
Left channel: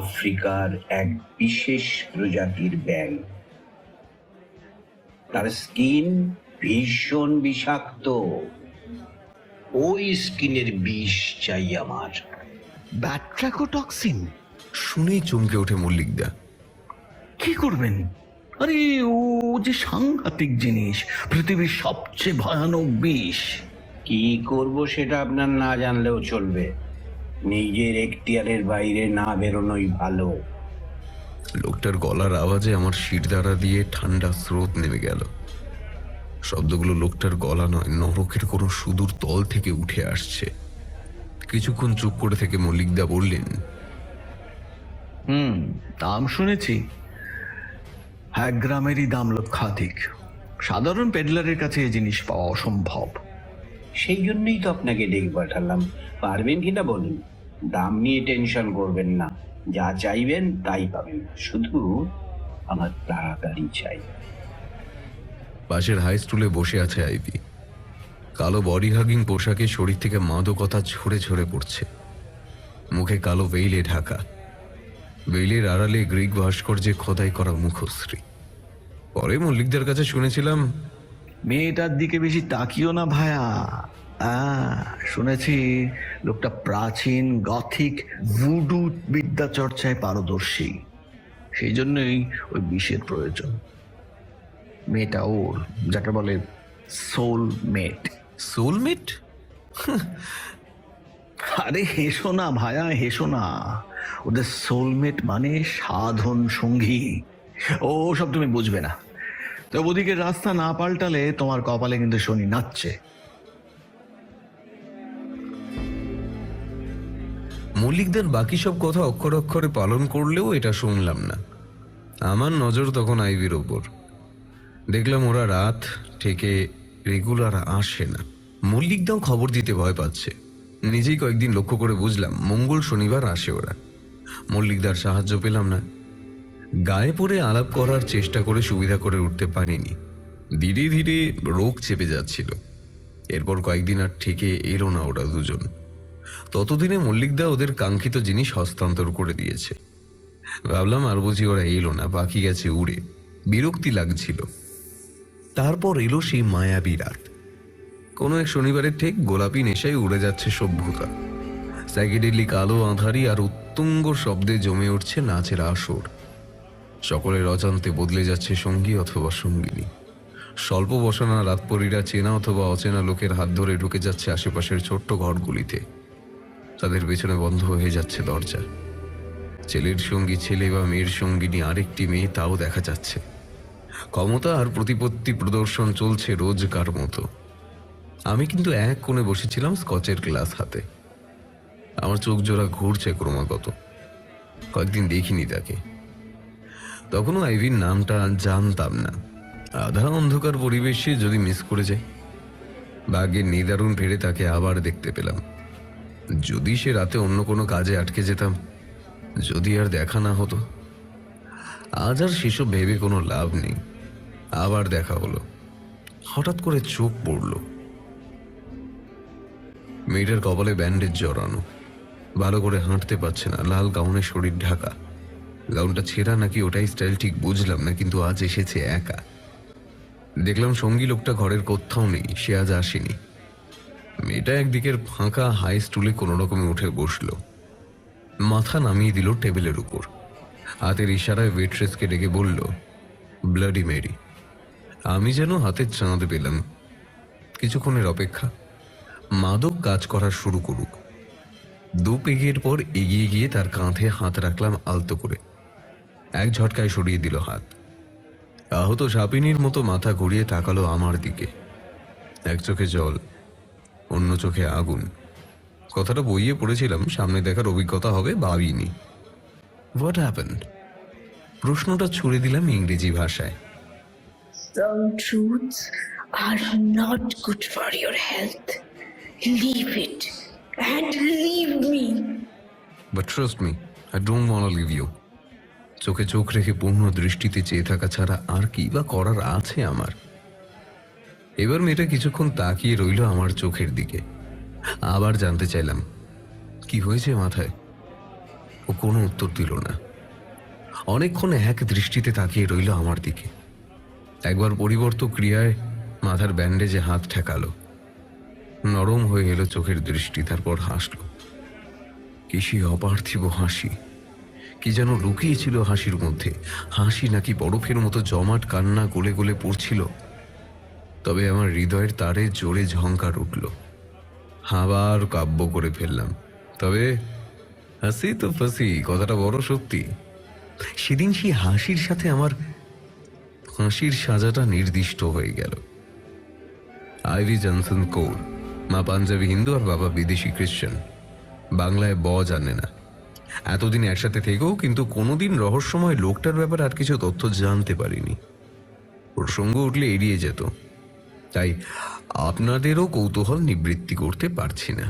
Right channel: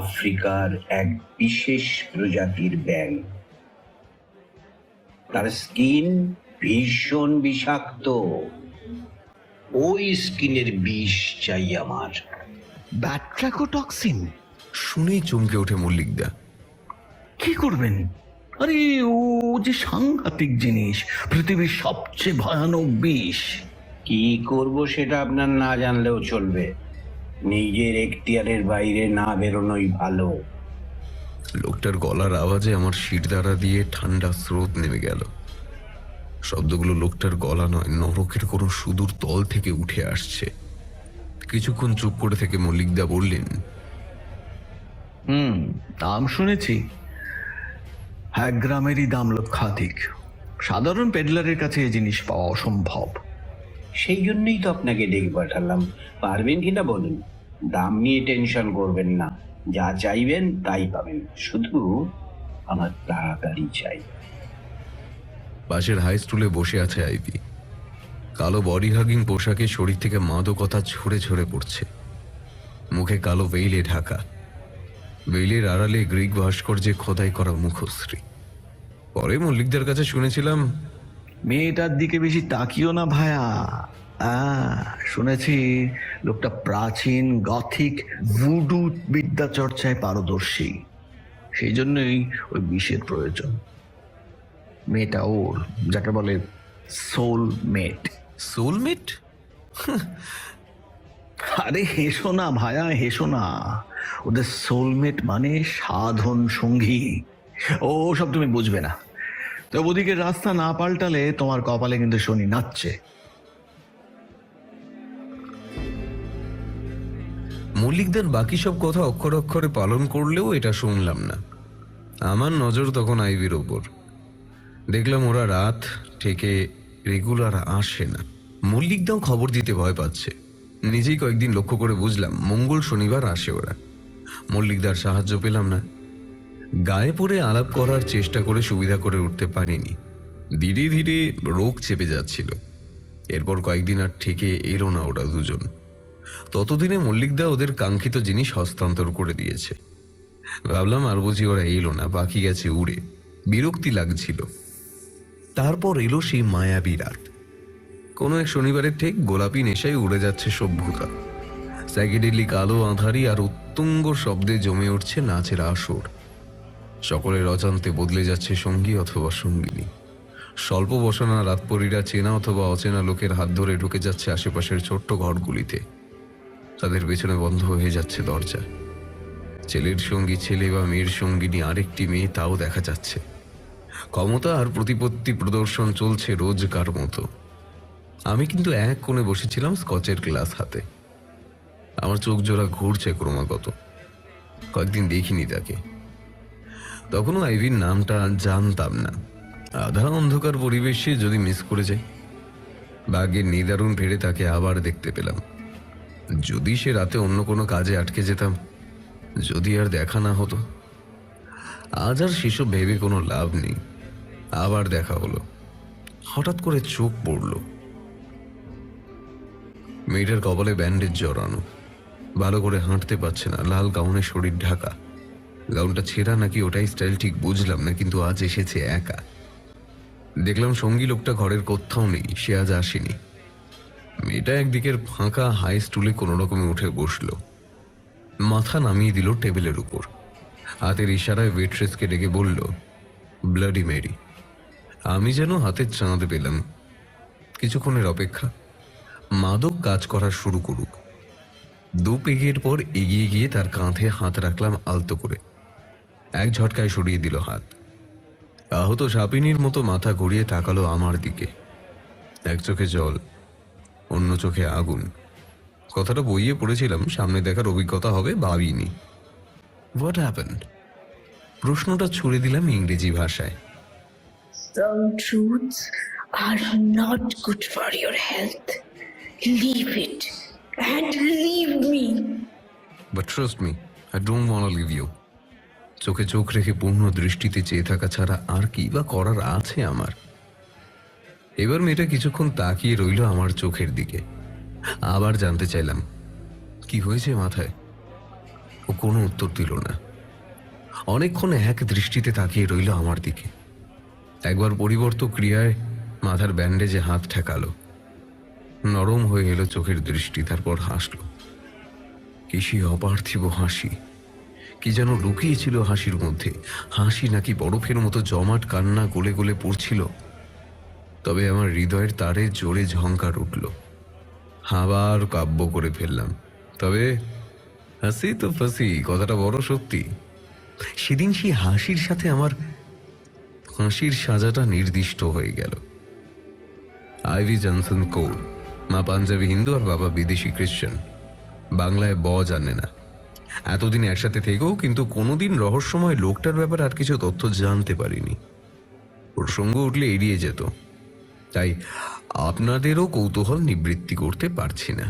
আফ্রিকার এক বিশেষ প্রজাতির ব্যাঙ, তার স্কিন ভীষণ বিষাক্ত। ওই স্কিনের বিষ চাই আমার। ব্যাট্রাকোটক্সিন? শুনেই চমকে ওঠে মল্লিকদা। কি করবেন? আরে ও যে সাংঘাতিক জিনিস, পৃথিবীর সবচেয়ে ভয়ানক বিষ। কি করব সেটা আপনার না জানলেও চলবে। নিজের এখতিয়ারের বাইরে না বেরোনোই ভালো। লোকটার গলার আওয়াজে আমার শিরদাঁড়া দিয়ে ঠান্ডা স্রোত নেমে গেল। শব্দগুলো লোকটার গলা নয়, নরকের কোনো সুদূর তল থেকে উঠে আসছে। কিছুক্ষণ চুপ করে থেকে মল্লিকদা বললেন, দাম শুনেছি। 1 গ্রামেরই দাম লক্ষাধিক। সাধারণ পেডলারের কাছে এই জিনিস পাওয়া অসম্ভব। সেই জন্যই তো আপনাকে ডেকে পাঠালাম। পারবেন কিনা বলুন। দাম নিয়ে টেনশন করবেন না, যা চাইবেন তাই পাবেন। শুধু আমার তাড়াতাড়ি চাই। পাশের হাই স্টুলে বসে আছে আইভি। কালো বডি হাগিং পোশাকে শরীর থেকে মাদকতা ঝরে ঝরে পড়ছে। মুখে কালো ভেইলে ঢাকা। ভেইলের আড়ালে গ্রিক ভাস্কর্যে খোদাই করা মুখশ্রী। পরে মল্লিকদের কাছে শুনেছিলাম, মেয়েটার দিকে বেশি তাকিও না ভায়া। শুনেছি লোকটা প্রাচীন গথিক ভুডু বিদ্যা চর্চায় পারদর্শী। সেই জন্যই ওই বিষের প্রয়োজন। মেয়েটা ওর, যাকে বলে সোলমেট। সোলমেট? আরে হেসো না ভায়া, হেসো না। ওদের সোলমেট মানে সাধন সঙ্গী। ও সব তুমি বুঝবে না। তো ওদিকে রাস্তা না পাল্টালে তোমার কপালে কিন্তু শনি নাচছে। মল্লিকদের বাকি সব কথা অক্ষর অক্ষরে পালন করলেও এটা শুনলাম না। আমার নজর তখন আইভির ওপর। দেখলাম ওরা রাত থেকে রেগুলার আসে না। মল্লিকদাও খবর দিতে ভয় পাচ্ছে। নিজেই কয়েকদিন লক্ষ্য করে বুঝলাম মঙ্গল শনিবার আসে ওরা। মল্লিকদার সাহায্য পেলাম না। গায়ে পড়ে আলাপ করার চেষ্টা করে সুবিধা করে উঠতে পারিনি। ধীরে ধীরে রোগ চেপে যাচ্ছিল। এরপর কয়েকদিন আর থেকে এলো না ওরা দুজন। ততদিনে মল্লিকদা ওদের কাঙ্ক্ষিত জিনিস হস্তান্তর করে দিয়েছে। ভাবলাম আর বুঝি ওরা এলো না, বাকি গেছে উড়ে। বিরক্তি লাগছিল। তারপর এলো সেই মায়াবী রাত। কোন এক শনিবারের ঠিক গোলাপি নেশায় উড়ে যাচ্ছে সভ্যতা। সাইকেডেলিক আলো আঁধারি আর উত্তুঙ্গ শব্দে জমে উঠছে নাচের আসর। সকলের অজান্তে বদলে যাচ্ছে সঙ্গী অথবা সঙ্গিনী। স্বল্প বসনা রাতপরীরা চেনা অথবা অচেনা লোকের হাত ধরে ঢুকে যাচ্ছে আশেপাশের ছোট্ট ঘরগুলিতে। তাদের পেছনে বন্ধ হয়ে যাচ্ছে দরজা। ছেলের সঙ্গী ছেলে বা মেয়ের সঙ্গিনী আরেকটি মেয়ে, তাও দেখা যাচ্ছে। ক্ষমতা আর প্রতিপত্তি প্রদর্শন চলছে রোজকার মতো। আমি কিন্তু এক কোণে বসেছিলাম স্কচের গ্লাস হাতে। আমার চোখ জোড়া ঘুরছে ক্রমাগত। কয়েকদিন দেখিনি তাকে। তখনও আইভির নামটা জানতাম না। আধা অন্ধকার পরিবেশে যদি মিস করে যাই। ভাগ্যের নিদারুণ ফেরে তাকে আবার দেখতে পেলাম। যদি সে রাতে অন্য কোনো কাজে আটকে যেতাম, যদি আর দেখা না হতো। আজ আর সেসব ভেবে কোনো লাভ নেই। আবার দেখা হলো। হঠাৎ করে চোখ পড়ল। মেয়েটার কপালে ব্যান্ডেজ জড়ানো, ভালো করে হাঁটতে পারছে না, লাল গাউনে শরীর ঢাকা। গাউনটা ছেঁড়া নাকি ওটাই স্টাইল ঠিক বুঝলাম না, কিন্তু আজ এসেছে একা। দেখলাম সঙ্গী লোকটা ঘরের কোথাও নেই, সে আজ আসেনি। মেয়েটা একদিকের ফাঁকা হাই স্টুলে কোনো রকমে উঠে বসলো। মাথা নামিয়ে দিল টেবিলের উপর। হাতের ইশারায় ওয়েট্রেসকে ডেকে বলল, ব্লাডি মেরি। আমি যেন হাতের চাঁদ পেলাম। কিছুক্ষণের অপেক্ষা, মাদক কাজ করা শুরু করুক। 2 পেগের পর এগিয়ে গিয়ে তার কাঁধে হাত রাখলাম আলতো করে। এক ঝটকায় সরিয়ে দিল হাত। আহত সাপিনীর মতো মাথা ঘুরিয়ে তাকালো আমার দিকে। এক চোখে জল, অন্য চোখে আগুন। কথাটা বইয়ে পড়েছিলাম, সামনে দেখার অভিজ্ঞতা হবে ভাবিনি। What happened? প্রশ্নটা ছুড়ে দিলাম ইংরেজি ভাষায়। Some truths are not good for your health. Leave it and leave me. But trust me, I don't want to leave you. চোখে চোখ রেখে পূর্ণ দৃষ্টিতে চেয়ে থাকা ছাড়া আর কি বা করার আছে আমার? এবার মেয়েটা কিছুক্ষণ তাকিয়ে রইল আমার চোখের দিকে। আবার জানতে চাইলাম কি হয়েছে মাথায়। ও কোনো উত্তর দিল না। অনেকক্ষণ এক দৃষ্টিতে তাকিয়ে রইল আমার দিকে। একবার পরিবর্ত ক্রিয়ায় মাথার ব্যান্ডেজে হাত ঠেকালো। নরম হয়ে গেল চোখের দৃষ্টি, তারপর হাসলো। কিসে অপার্থিব হাসি, কি যেন লুকিয়েছিল হাসির মধ্যে। হাসি নাকি বরফের মতো জমাট কান্না গলে গলে পড়ছিল। তবে আমার হৃদয়ের তারে জোরে ঝংকার উঠল। আবার কাব্য করে ফেললাম। তবে হাসি তো ফাঁসি, কথাটা বড় সত্যি। সেদিন সেই হাসির সাথে আমার হাসির সাজাটা নির্দিষ্ট হয়ে গেল। আইভি জনসন কম, মা পাঞ্জাবি হিন্দু আর বাবা বিদেশি খ্রিস্টান। বাংলায় জানে না। এতদিন একসাথে থেকেও কিন্তু কোনোদিন রহস্যময় লোকটার ব্যাপারে আর কিছু তথ্য জানতে পারিনি। প্রসঙ্গ উঠলে এড়িয়ে যেত, তাই আপনাদেরও কৌতূহল নিবৃত্তি করতে পারছি না।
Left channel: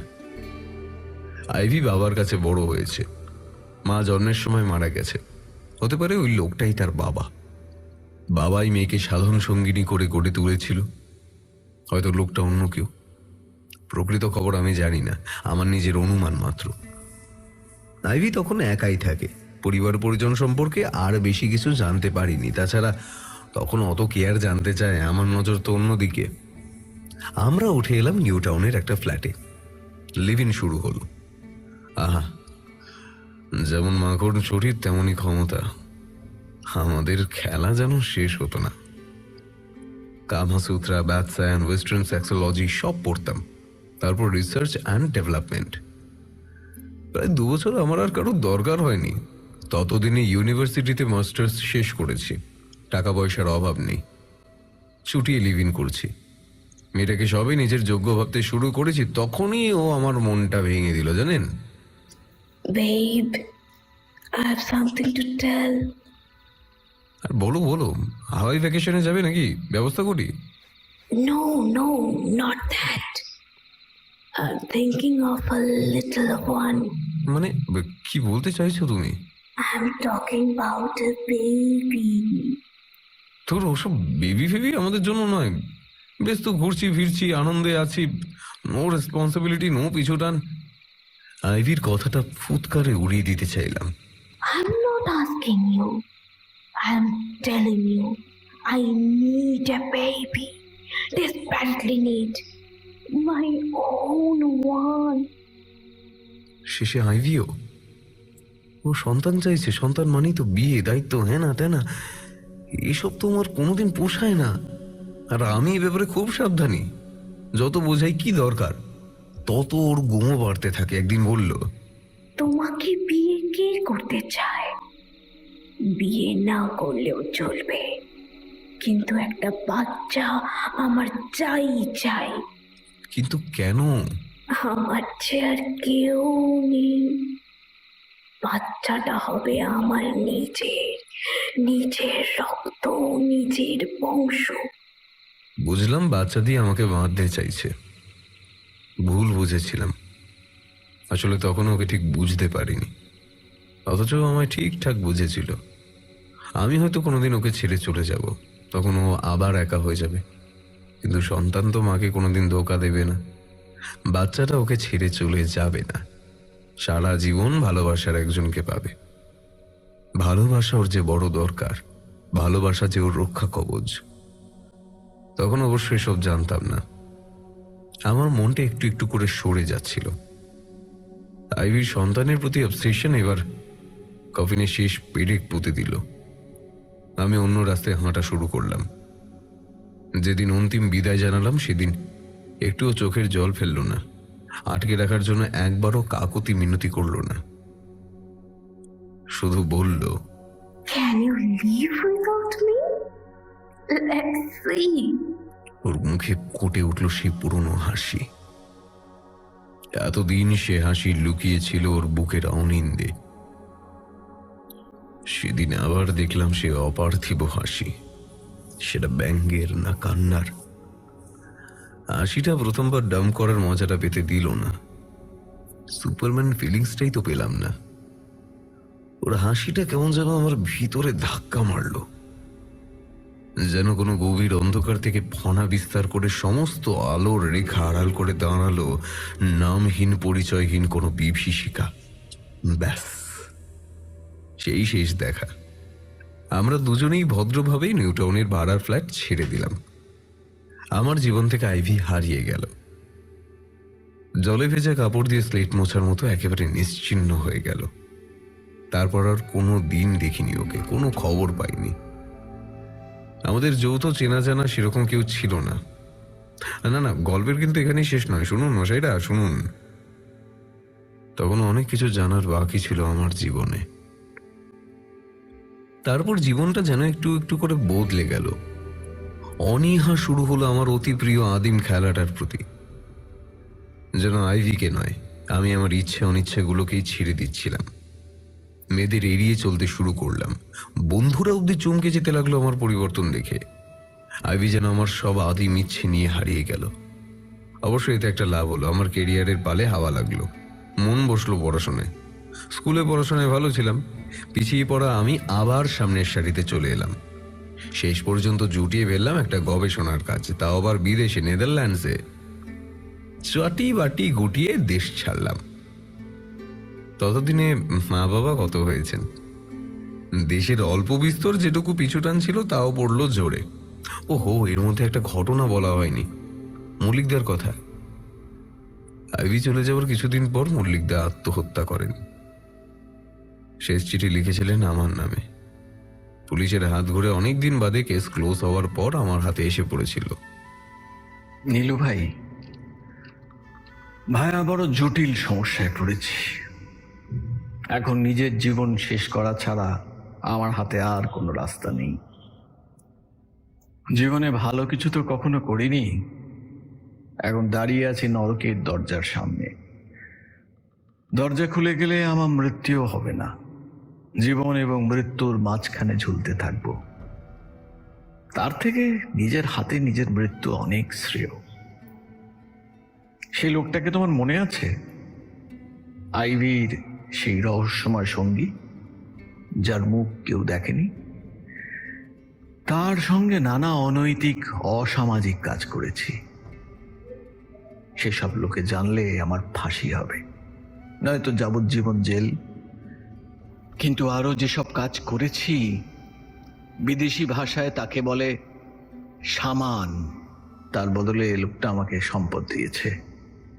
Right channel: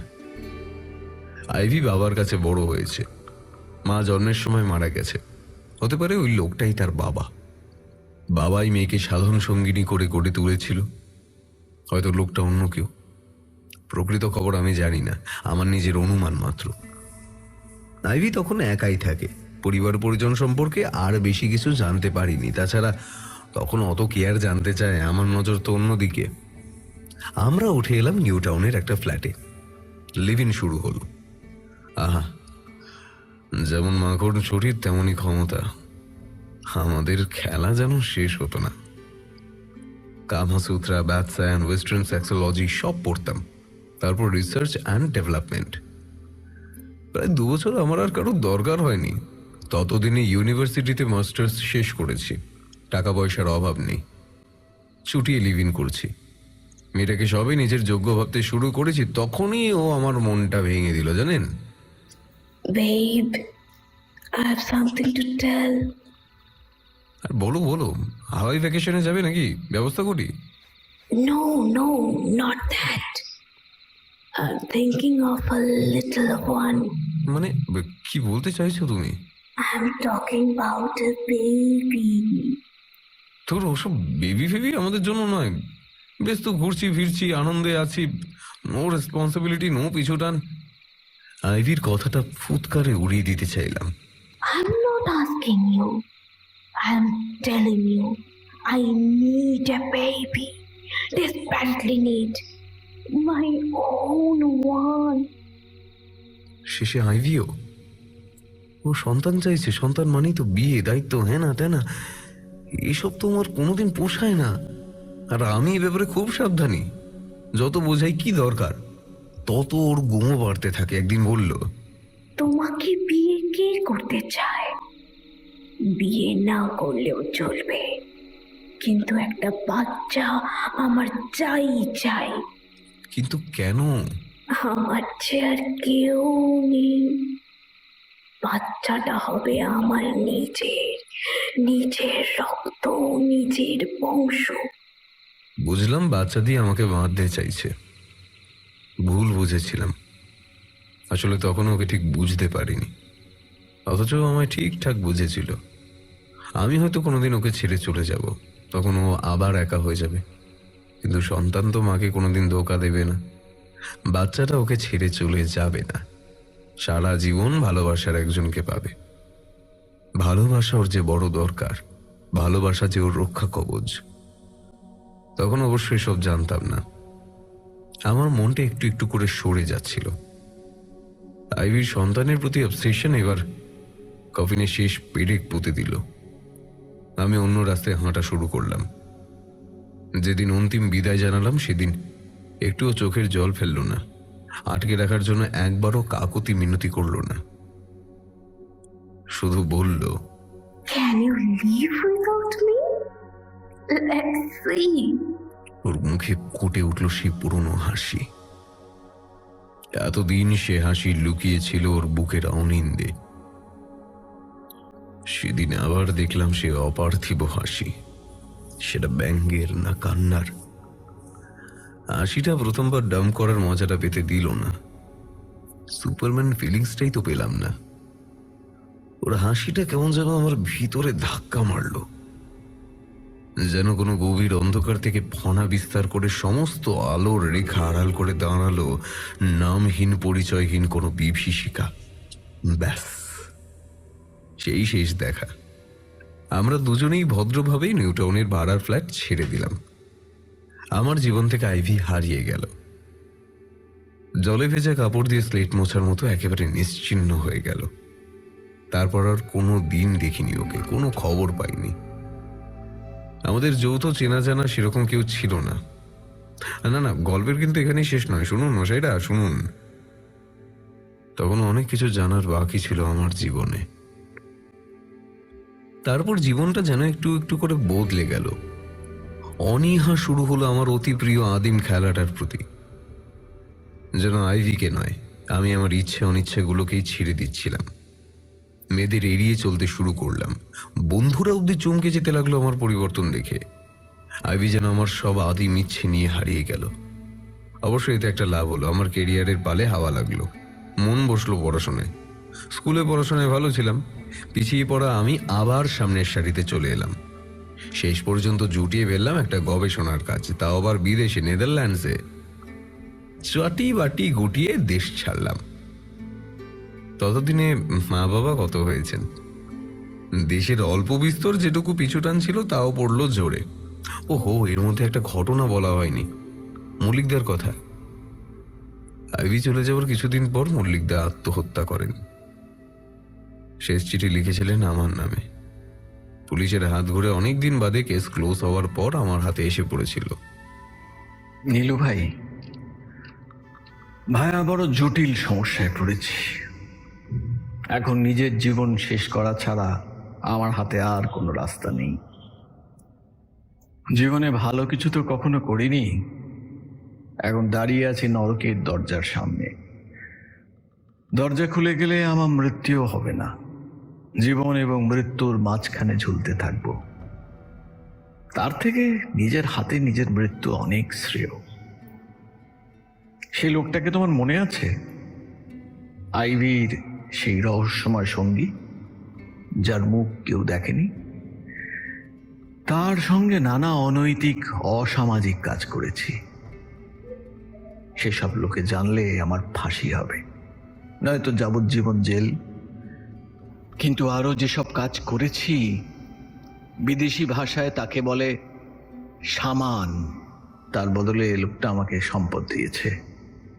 আইভি বাবার কাছে বড় হয়েছে, মা জন্মের সময় মারা গেছে। হতে পারে ওই লোকটাই তার বাবা। বাবাই মেয়েকে সাধন সঙ্গিনী করে গড়ে তুলেছিল। হয়তো লোকটা অন্য কেউ। প্রকৃত খবর আমি জানি না, আমার নিজের অনুমান মাত্র। আইভি তখন একাই থাকে, পরিবার পরিজন সম্পর্কে আর বেশি কিছু জানতে পারিনি। তাছাড়া তখন অত কেয়ার জানতে চায়, আমার নজর তো অন্যদিকে। আমরা উঠে এলাম নিউ টাউনের একটা ফ্ল্যাটে। লিভ ইন শুরু হলো। আহা, যেমন মাকড় ছোটের তেমনই ক্ষমতা। আমাদের খেলা যেন শেষ হতো না। কামাসূত্রা, ব্যাটসায়ন, ওয়েস্টার্ন সেক্সোলজি সব পড়তাম। তারপর রিসার্চ অ্যান্ড ডেভেলপমেন্ট। প্রায় 2 বছর আমার আর কারোর দরকার হয়নি। ততদিনে ইউনিভার্সিটিতে মাস্টার্স শেষ করেছি, টাকা পয়সার অভাব নেই। ছুটিয়ে লিভ ইন করছি। মেয়েটাকে সবই নিজের যোগ্য ভাবতে শুরু করেছি, তখনই ও আমার মনটা ভেঙে দিল জানেন। Babe, I have something to tell. বলো বলো, হাওয়াই ভ্যাকেশনে যাবে নাকি? ব্যবস্থা করি। No, no, not that. I'm thinking of a little one. মানে কি বলতে চাইছো তুমি? I'm talking about a baby. তোর ওসব বেবি ফেবি আমাদের জন্য নয়। বেশ তো ঘুরছি ফিরছি, আনন্দে আছি। নো রেসপন্সিবিলিটি, নো পিছুটান। আইভির কথাটা ফুৎকারে উড়িয়ে দিতে চাইলাম। I'm not asking you. I'm telling you. I need a baby. Desperately need. My own one. শেষে আইভিও ও সন্তান চাইছে। সন্তান মানেই তো বিয়ে, দায়িত্ব, হ্যাঁ না তাই না? এসব তো আমার কোনোদিন পোষায় না। আর আমি এ ব্যাপারে খুব সাবধানী। যত বোঝাই কি দরকার, তত ওর গুমো বাড়তে থাকে। একদিন বলল, তোমাকে বিয়ে কে করতে চায়? বিয়ে না করলেও চলবে, কিন্তু একটা বাচ্চা আমার চাই চাই। কিন্তু কেন? আমার চেয়ে আর কেউ নেই। বাচ্চাটা হবে আমার নিজের, নিজের রক্ত, নিজের বংশ। বুঝলাম বাচ্চা দিয়ে আমাকে বাঁধতে চাইছে। ভুল বুঝেছিলাম। আসলে তখন ওকে ঠিক বুঝতে পারিনি, অথচ আমায় ঠিকঠাক বুঝেছিল। আমি হয়তো কোনোদিন ওকে ছেড়ে চলে যাব, তখন ও আবার একা হয়ে যাবে। কিন্তু সন্তান তো মাকে কোনোদিন ধোকা দেবে না। বাচ্চাটা ওকে ছেড়ে চলে যাবে না, সারা জীবন ভালোবাসার একজনকে পাবে। ভালোবাসা ওর যে বড় দরকার, ভালোবাসা যে ওর রক্ষা কবচ। তখন অবশ্যই সব জানতাম না। আমার মনটা একটু একটু করে সরে যাচ্ছিল। আইভির সন্তানের প্রতি অবসেশন এবার কফিনে শেষ পেরেক পুঁতে দিল। আমি অন্য রাস্তায় হাঁটা শুরু করলাম। যেদিন অন্তিম বিদায় জানালাম সেদিন একটুও চোখের জল ফেলল না, আটকে রাখার জন্য একবারও কাকুতি মিনতি করল না। শুধু বলল, Can you leave without me? ওর মুখে ফুটে উঠল সে পুরনো হাসি। এতদিন সে হাসি লুকিয়েছিল ওর বুকের অনিন্দে। সেদিন আবার দেখলাম সে অপার্থিব হাসি। সেটা ব্যঙ্গের না কান্নার। হাসিটা প্রথমবার ডাম করার মজাটা পেতে দিল না। সুপারম্যান ফিলিংসটাই তো পেলাম না। ওর হাসিটা কেমন যেন আমার ভিতরে ধাক্কা মারলো, যেন কোনো গভীর অন্ধকার থেকে ফনা বিস্তার করে সমস্ত আলোর রেখা আড়াল করে দাঁড়ালো নামহীন পরিচয়হীন কোনো বিভীষিকা। ব্যাস, সেই শেষ দেখা। আমরা দুজনেই ভদ্রভাবে নিউটাউনের ভাড়ার ফ্ল্যাট ছেড়ে দিলাম। আমার জীবন থেকে আইভি হারিয়ে গেল। জলে ভেজা কাপড় দিয়ে স্লেট মোছার মতো একেবারে নিশ্চিহ্ন হয়ে গেল। তারপর আর কোনো দিন দেখিনি ওকে, কোনো খবর পাইনি। আমাদের যৌথ চেনা জানা সেরকম কেউ ছিল না। না না, গল্পের কিন্তু এখানেই শেষ নয়। শুনুন মশাইরা, শুনুন। তখন অনেক কিছু জানার বাকি ছিল আমার জীবনে। তারপর জীবনটা যেন একটু একটু করে বদলে গেল। অনীহা শুরু হলো আমার অতি প্রিয় আদিম খেলাটার প্রতি। যেন আইভিকে নয়, আমি আমার ইচ্ছে অনিচ্ছেগুলোকেই ছেড়ে দিচ্ছিলাম। মেয়েদের এড়িয়ে চলতে শুরু করলাম। বন্ধুরা অব্দি চমকে যেতে লাগলো আমার পরিবর্তন দেখে। আইভি যেন আমার সব আদিম ইচ্ছে নিয়ে হারিয়ে গেল। অবশ্যই এটা একটা লাভ হলো। আমার কেরিয়ারের পালে হাওয়া লাগলো, মন বসলো পড়াশোনায়। স্কুলে পড়াশোনায় ভালো ছিলাম, পিছিয়ে পড়া আমি আবার সামনের সারিতে চলে এলাম। শেষ পর্যন্ত জুটিয়ে ফেললাম একটা গবেষণার কাজ, তাও আবার বিদেশে, নেদারল্যান্ডসে। চাটি বাটি গুটিয়ে দেশ ছাড়লাম। ততদিনে মা বাবা কত হয়েছেন। দেশের অল্প বিস্তর যেটুকু পিছুটান ছিল তাও পড়লো জোরে। ওহো, এর মধ্যে একটা ঘটনা বলা হয়নি, মল্লিকদার কথা। আইভি চলে যাওয়ার কিছুদিন পর মল্লিকদা আত্মহত্যা করেন। শেষ চিঠি লিখেছিলেন আমার নামে। পুলিশের হাত ধরে অনেকদিন বাদে কেস ক্লোজ হওয়ার পর আমার হাতে এসে পড়েছিল। নীলু ভাই, ভাইয়া বড় জটিল সমস্যায় পড়েছে। এখন নিজের জীবন শেষ করা ছাড়া আমার হাতে আর কোনো রাস্তা নেই। জীবনে ভালো কিছু তো কখনো করিনি, এখন দাঁড়িয়ে আছি নরকের দরজার সামনে। দরজা খুলে গেলে আমার মৃত্যু হবে না, জীবন এবং মৃত্যুর মাঝখানে ঝুলতে থাকবো। তার থেকে নিজের হাতে নিজের মৃত্যু অনেক শ্রেয়। সেই লোকটাকে তোমার মনে আছে? আইভির সেই রহস্যময় সঙ্গী, যার মুখ কেউ দেখেনি। তার সঙ্গে নানা অনৈতিক অসামাজিক কাজ করেছি। সেসব লোকে জানলে আমার ফাঁসি হবে, নয়তো যাবজ্জীবন জেল। কিন্তু আরো যেসব কাজ করেছি, বিদেশি ভাষায় তাকে বলে সামান। তার বদলে লোকটা আমাকে সম্পদ দিয়েছে,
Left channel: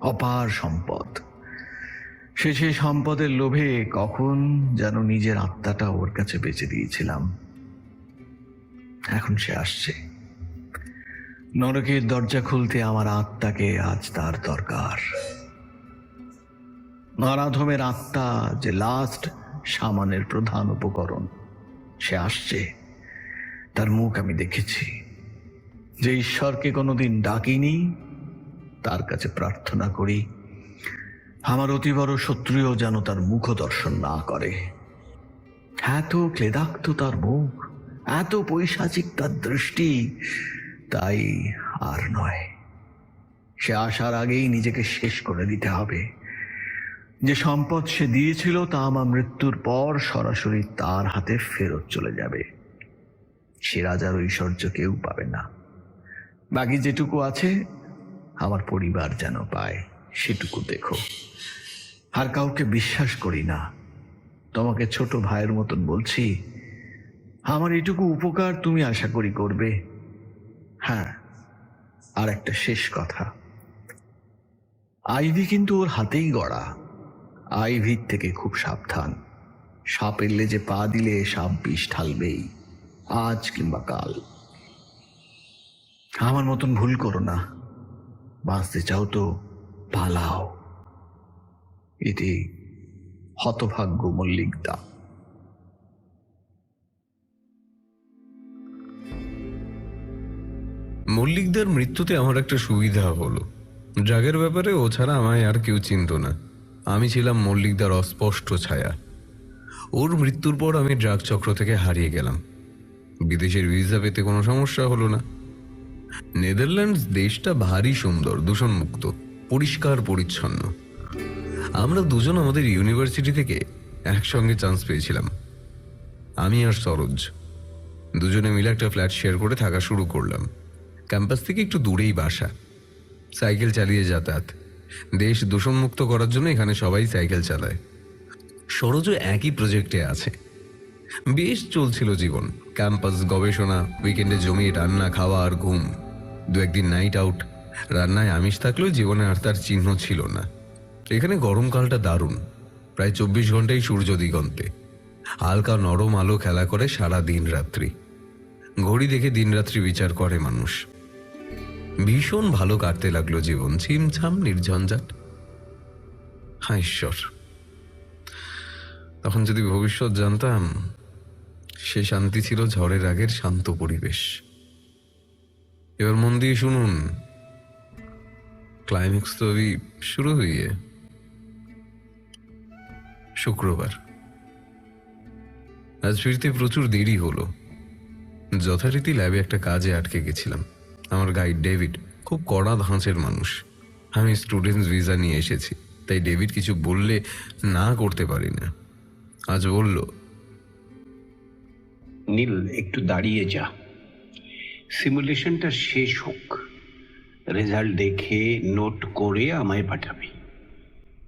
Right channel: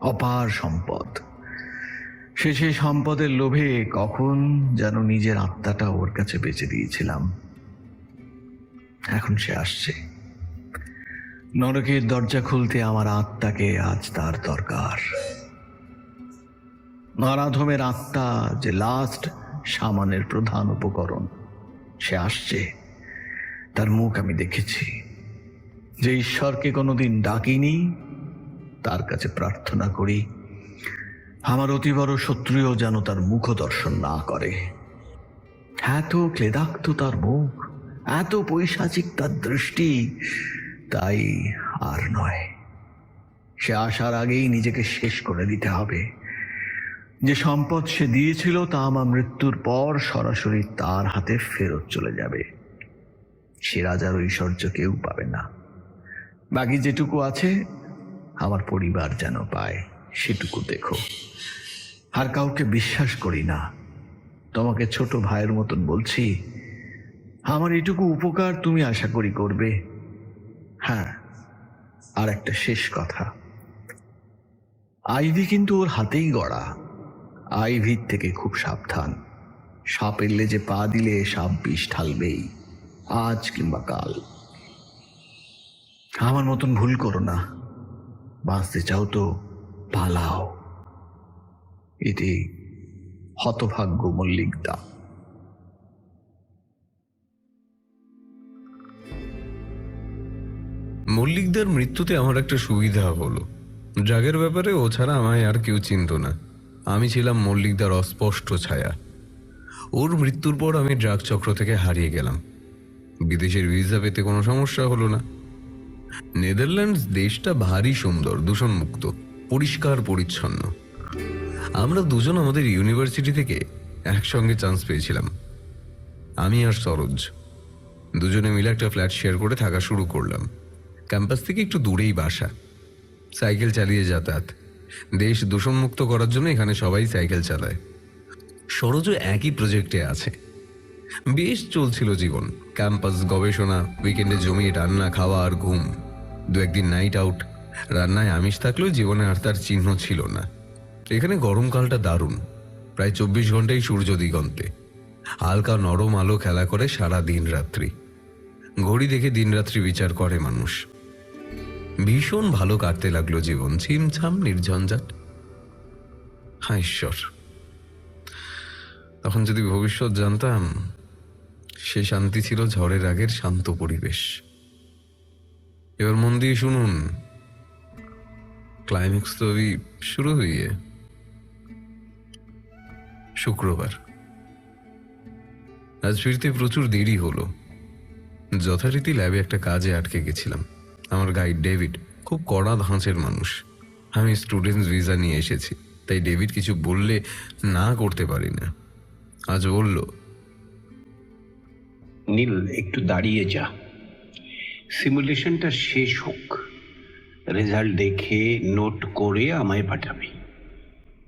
অপার সম্পদ। সেই সম্পদের লোভে কখন যেন নিজের আত্মাটা ওর কাছে বেঁচে দিয়েছিলাম। এখন সে আসছে। নরকের দরজা খুলতে আমার আত্মাকে আজ তার দরকার। নারাধমের আত্মা যে লাস্ট সামানের প্রধান উপকরণ, সে আসছে। তার মুখ আমি দেখেছি। যে ঈশ্বরকে কোনোদিন ডাকিনি, তার কাছে প্রার্থনা করি আমার অতি বড় শত্রুও যেন তার মুখ দর্শন না করে। এত ক্লেদাক্ত তার মুখ, এত পৈশাচিক তার দৃষ্টি, তাই আর নয়। সে আসার আগেই নিজেকে শেষ করে দিতে হবে। যে সম্পদ সে দিয়েছিল তা আমার মৃত্যুর পর সরাসরি তার হাতে ফেরত চলে যাবে। সে রাজার ঐশ্বর্য কেউ পাবে না। বাকি যেটুকু আছে আমার পরিবার যেন পায়, সেটুকু দেখো। আর কাউকে বিশ্বাস করি না। তোমাকে ছোট ভাইয়ের মতন বলছি, আমার এটুকু উপকার তুমি আশা করি করবে। হ্যাঁ, আর একটা শেষ কথা, আইভি কিন্তু ওর হাতেই গড়া। আইভির থেকে খুব সাবধান। সাপের লেজে পা দিলে সাপ বিষ ঢালবেই, আজ কিংবা কাল। আমার মতন ভুল করো না। বাঁচতে চাও তো পালাও। এতে হতভাগ্য মল্লিকদা। মল্লিকদার মৃত্যুতে আমার একটা সুবিধা হলো, ড্রাগের ব্যাপারে ও ছাড়া আমায় আর কেউ চিনত না। আমি ছিলাম মল্লিকদার অস্পষ্ট ছায়া। ওর মৃত্যুর পর আমি ড্রাগ চক্র থেকে হারিয়ে গেলাম। বিদেশের ভিসা পেতে কোনো সমস্যা হলো না। নেদারল্যান্ডস দেশটা ভারী সুন্দর, দূষণমুক্ত, পরিষ্কার পরিচ্ছন্ন। আমরা দুজন আমাদের ইউনিভার্সিটি থেকে একসঙ্গে চান্স পেয়েছিলাম, আমি আর সরোজ। দুজনে মিলে একটা ফ্ল্যাট শেয়ার করে থাকা শুরু করলাম। ক্যাম্পাস থেকে একটু দূরেই বাসা, সাইকেল চালিয়ে যাতায়াত। দেশ দূষণমুক্ত করার জন্য এখানে সবাই সাইকেল চালায়। সরোজও একই প্রজেক্টে আছে। বেশ চলছিল জীবন, ক্যাম্পাস, গবেষণা, উইকেন্ডে জমিয়ে রান্না, খাওয়া আর ঘুম। দু একদিন নাইট আউট। রান্নায় আমিষ থাকলেও জীবনে আর তার চিহ্ন ছিল না। এখানে গরমকালটা দারুণ, প্রায় 24 ঘন্টাই সূর্য দিগন্তে। হালকা নরম আলো খেলা করে সারা দিন রাত্রি। ঘড়ি দেখে দিন রাত্রি বিচার করে মানুষ। ভীষণ ভালো কাটতে লাগলো জীবন, ছিমছাম, নির্ঝঞ্ঝাট। হ্যাঁ ঈশ্বর, এখন যদি ভবিষ্যৎ জানতাম, সে শান্তি ছিল ঝড়ের আগের শান্ত পরিবেশ। এবার মন দিয়ে শুনুন, ক্লাইম্যাক্স তো শুরু হয়ে শুক্রবার। আজ ফিরতে প্রচুর দেরি হলো। যথারীতি ল্যাবে একটা কাজে আটকে গেছিলাম। আমার গাইড ডেভিড খুব কড়া ধাঁচের মানুষ। আমি স্টুডেন্টস ভিসা নিয়ে এসেছি, তাই ডেভিড কিছু বললে না করতে পারি না। আজ বলল, নীল, একটু দাঁড়িয়ে যা, সিমুলেশনটা শেষ হোক, রেজাল্ট দেখে নোট করে আমায় পাঠাবি।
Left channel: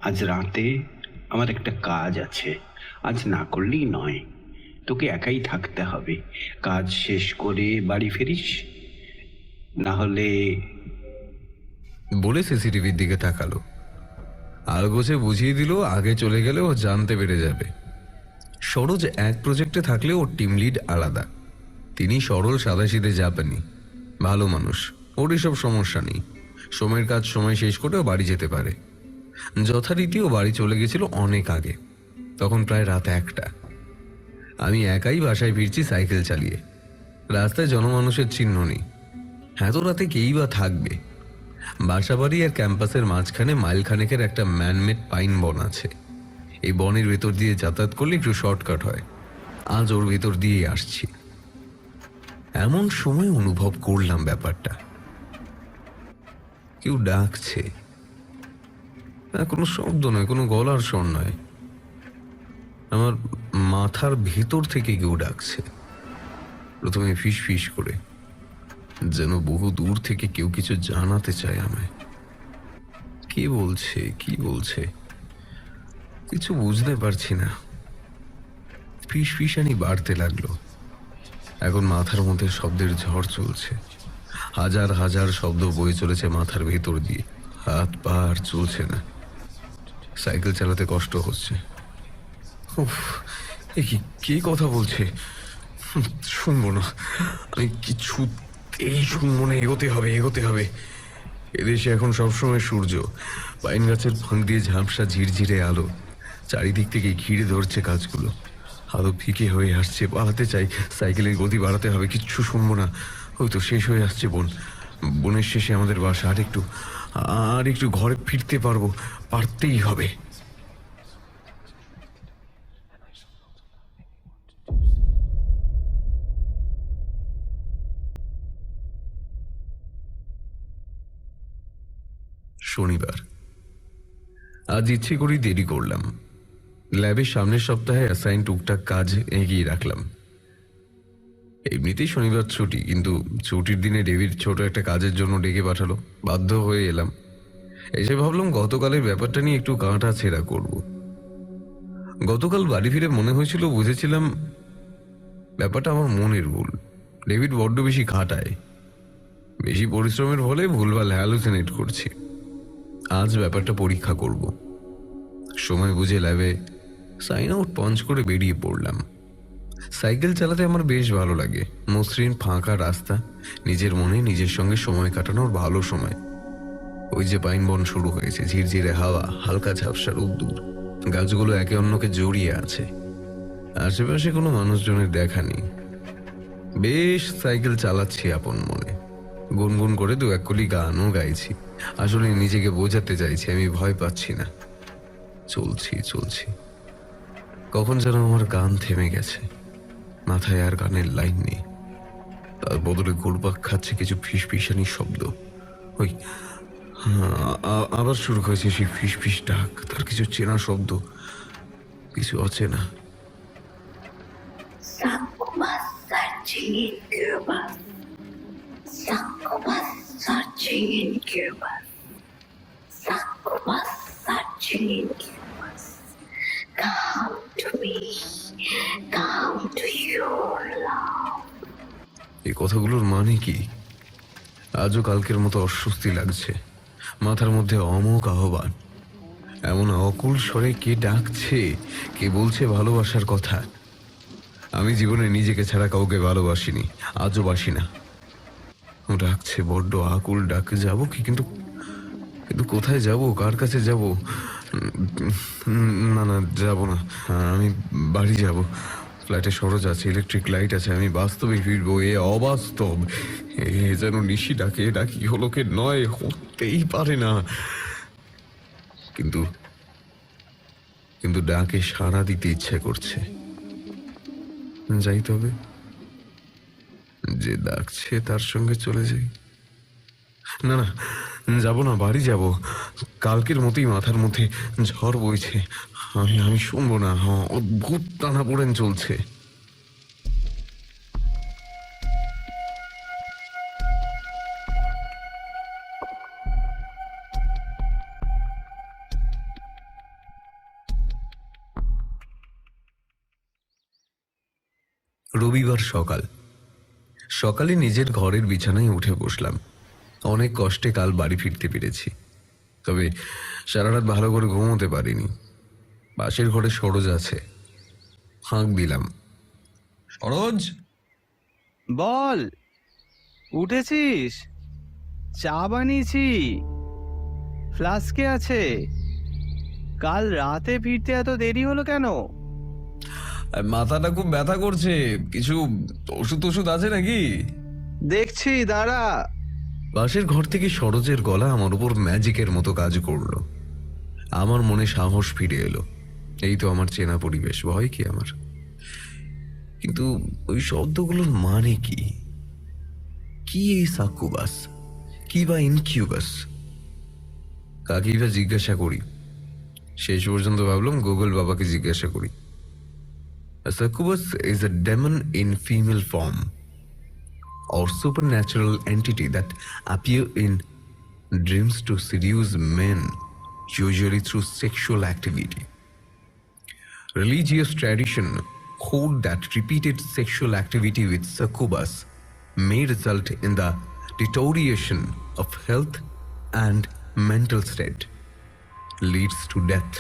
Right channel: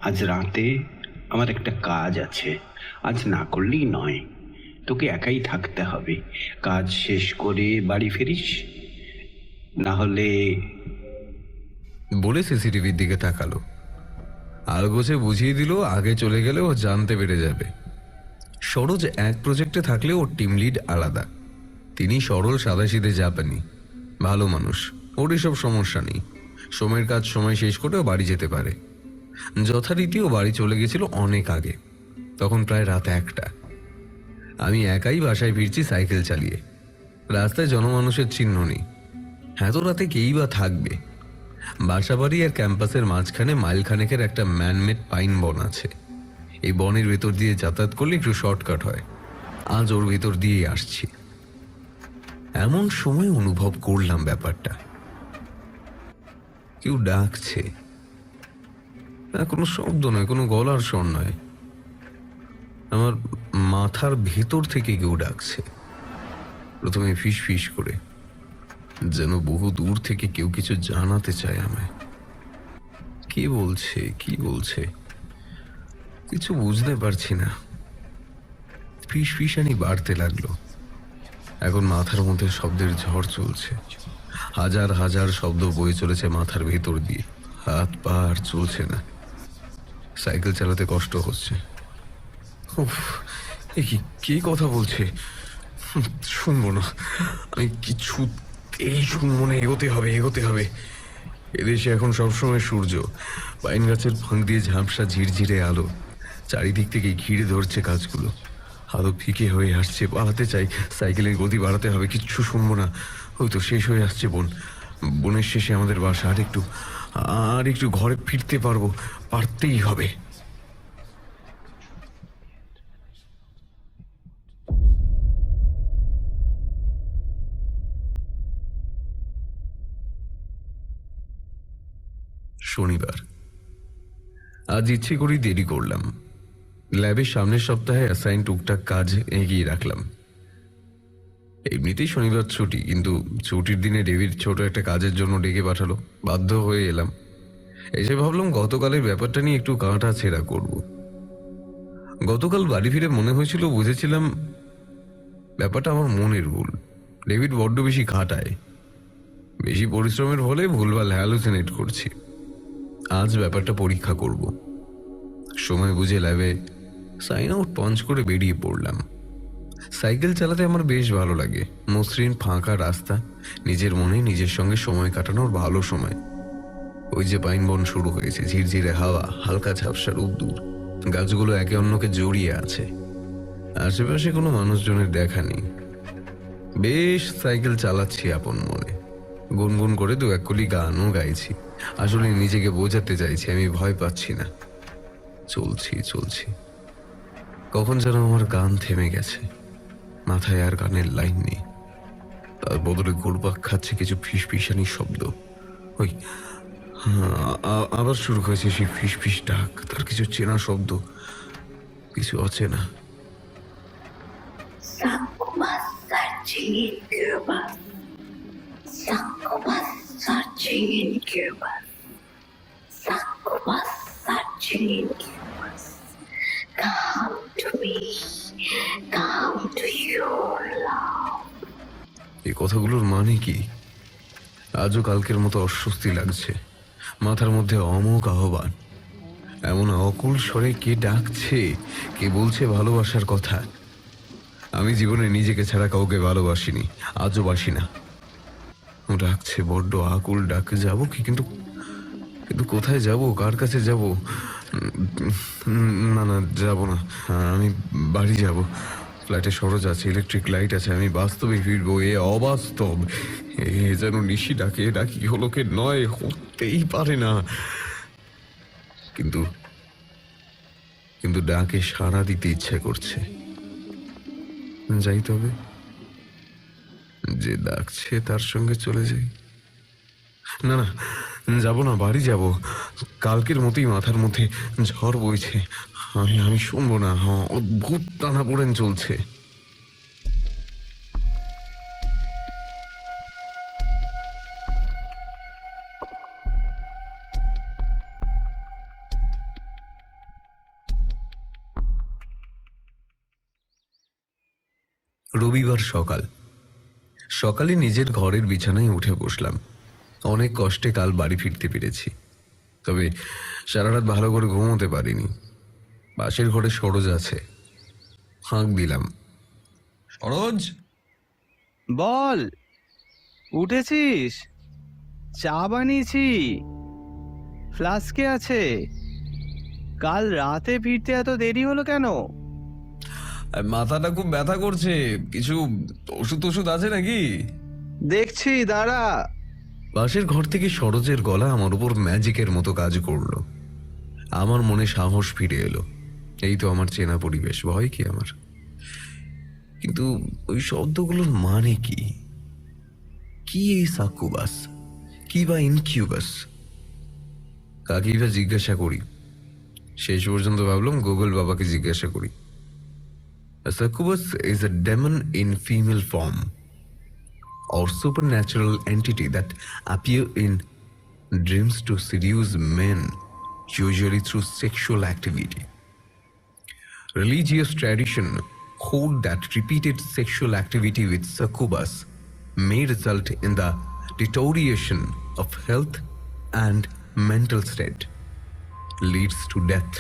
আজ রাতে আমার একটা কাজ আছে, আজ না করলেই নয়। তোকে একাই থাকতে হবে, কাজ শেষ করে বাড়ি ফিরিস, না হলে। বলে সিসিটিভির দিকে তাকালো। আয় বসে বুঝিয়ে দিল, আগে চলে গেলে ও জানতে পেরে যাবে। সরোজ এক প্রজেক্টে থাকলে ওর টিম লিড আলাদা। তিনি সরল, সাদাসিধে জাপানি, ভালো মানুষ। ওর এসব সমস্যা নেই, সময়ের কাজ সময় শেষ করেও বাড়ি যেতে পারে। যথারীতি ও বাড়ি চলে গেছিল অনেক আগে, তখন প্রায় রাত 1টা। আমি একাই বাসায় ফিরছি সাইকেল চালিয়ে। রাস্তায় জনমানুষের চিহ্ন নেই, এত রাতে কেই বা থাকবে। বাসাবাড়ি আর ক্যাম্পাসের মাঝখানে মাইলখানেকের একটা ম্যানমেড পাইন বন আছে। এই বনের ভেতর দিয়ে যাতায়াত করলে একটু শর্টকাট হয়। আজ ওর ভেতর দিয়ে আসছি। এমন সময় অনুভব করলাম ব্যাপারটা, কেউ ডাকছে। কোনো শব্দ নয়, কোনো গলার স্বর নয়, আমার মাথার ভেতর থেকে কেউ ডাকছে। প্রথমে ফিস ফিস করে, যেন বহু দূর থেকে কেউ কিছু জানাতে চায় আমায়। কি বলছে, কি বলছে কিছু বুঝতে পারছি না। ফিস ফিসানি বাড়তে লাগলো। এখন মাথার মধ্যে শব্দের ঝড় চলছে। হাজার হাজার শব্দ বয়ে চলেছে মাথার ভেতর দিয়ে। হাত পা আর চলছে না, সাইকেল চালাতে কষ্ট হচ্ছে। কে কথা বলছে? শুনবো না, আমি কিছুতেই শুনবো না। এগোতে হবে, এগোতে হবে। এদেশে এখন সবসময় সূর্য, পাইন গাছের ফাঁক দিয়ে ঝাপসা ঝিরঝিরে আলো। চারিদিক থেকে ঘিরে ধরছে গাছগুলো। আলো ফিকে হয়ে আসছে, পালাতে চাই, সাইকেলের গতি বাড়াতে হবে। কিচ্ছু শুনবো না। ওই তো শেষ হয়ে আসছে বন। বনের শেষে আমাদের বাসা। আর একটু ঘরে ফিরতে পারবো, পারতেই হবে। শনিবার। আজ ইচ্ছে করেই দেরি করলাম। ল্যাবের সামনের সপ্তাহে অ্যাসাইন টুকটাক কাজ এগিয়ে রাখলাম। এমনিতেই শনিবার ছুটি, কিন্তু ছুটির দিনে ডেভিড ছোট একটা কাজের জন্য ডেকে পাঠালো। বাধ্য হয়ে এলাম। এসে ভাবলাম গতকালের ব্যাপারটা নিয়ে একটু কাঁটা ছেঁড়া করব। গতকাল বাড়ি ফিরে মনে হয়েছিল, বুঝেছিলাম ব্যাপারটা আমার মনের ভুল। ডেভিড বড্ড বেশি খাটায়, বেশি পরিশ্রমের ফলে ভুলভাল হ্যালোসিনেট করছে। আজ ব্যাপারটা পরীক্ষা করব। সময় বুঝে ল্যাবে সাইন আউট পঞ্চ করে বেরিয়ে পড়লাম। সাইকেল চালাতে আমার বেশ ভালো লাগে। মসৃণ ফাঁকা রাস্তা, নিজের মনে নিজের সঙ্গে সময় কাটানোর ভালো সময়। ওই যে পাইন বন শুরু হয়েছে, ঝিরঝিরে হাওয়া, হালকা ঝাপসা রোদ্দুর, গাছগুলো একে অন্যকে জড়িয়ে আছে। আশেপাশে কোনো মানুষজনের দেখা নেই। বেশ সাইকেল চালাচ্ছি আপন মনে। গুনগুন করে দু এক কুলি গানও গাইছি। আসলে নিজেকে বোঝাতে চাইছি আমি ভয় পাচ্ছি না। চলছি চলছি, কখন যেন আমার গান থেমে গেছে। মাথায় আর গানের লাইন নেই, তার বদলে ঘুরপাক খাচ্ছে কিছু ফিসফিসানি শব্দ। ওই আবার শুরু হয়েছে সে ফিসফিস ডাক, তার কিছু চেনা শব্দ, কিছু অচেনা। এই কথাগুলোর মানে কি? আজও কালকের মতো অস্বস্তি লাগছে। মাথার মধ্যে অমুক আহ্বান, এমন অকুল স্বরে কে ডাকছে, কি বলছে ভালোবাসার কথা। আমি জীবনে নিজেকে ছাড়া কাউকে ভালোবাসিনি, আজও বাসি না। ডাকছে বড্ড আকুল ডাকে, যাবো কি? কিন্তু কিন্তু কোথায় যাব, কার কাছে যাব? না না, যাবো না। আমি বাড়ি যাব। ফ্ল্যাটে সরোজ আছে, ইলেকট্রিক লাইট আছে, আমি বাস্তবে ফিরবো। এ অবাস্তব, এ যেন নিশি ডাকে। এটা কি হলো কি নয়, হতেই পারে না। কিন্তু কিন্তু ডাকে সাড়া দিতে ইচ্ছে করছে। যাইতে হবে, যে ডাকছে তার সঙ্গে চলে যাই। না না, যাবো না, বাড়ি যাব। কালকের মতোই মাথার মধ্যে ঝড় বইছে। আমি শুনবি না। অদ্ভুত টানাপোড়েন চলছে। রবিবার সকাল। সকালে নিজের ঘরের বিছানায় উঠে বসলাম। অনেক কষ্টে কাল বাড়ি ফিরতে পেরেছি, তবে সারা রাত ভালো করে ঘুমোতে পারিনি। পাশের ঘরে সরোজ আছে, হাঁক দিলাম, সরোজ। বল, উঠেছিস? চা বানিয়েছি, ফ্লাস্কে আছে। কাল রাতে ফিরতে এত দেরি হলো কেন? মাথাটা খুব ব্যথা করছে, কিছু ওষুধ টষুধ আছে নাকি? দেখছি, দাঁড়া। পাশের ঘর থেকে সরোজের গলা আমার উপর ম্যাজিকের মতো কাজ করলো। আমার মনে সাহস ফিরে এলো। এই তো আমার চেনা পরিবেশ, ভয় কি আমার? কিন্তু ওই শব্দগুলোর মানে কি? কি এই সাকুবাস, কি বা ইনকিউবাস? কাকিরা জিজ্ঞাসা করি, শেষ পর্যন্ত ভাবলাম গুগল বাবাকে জিজ্ঞাসা করি। A succubus is a demon in female form or supernatural entity that appear in dreams to seduce men, usually through sexual activity. Religious tradition hold that repeated sexual activity with succubus may result in the deterioration of health and mental state, leads to death.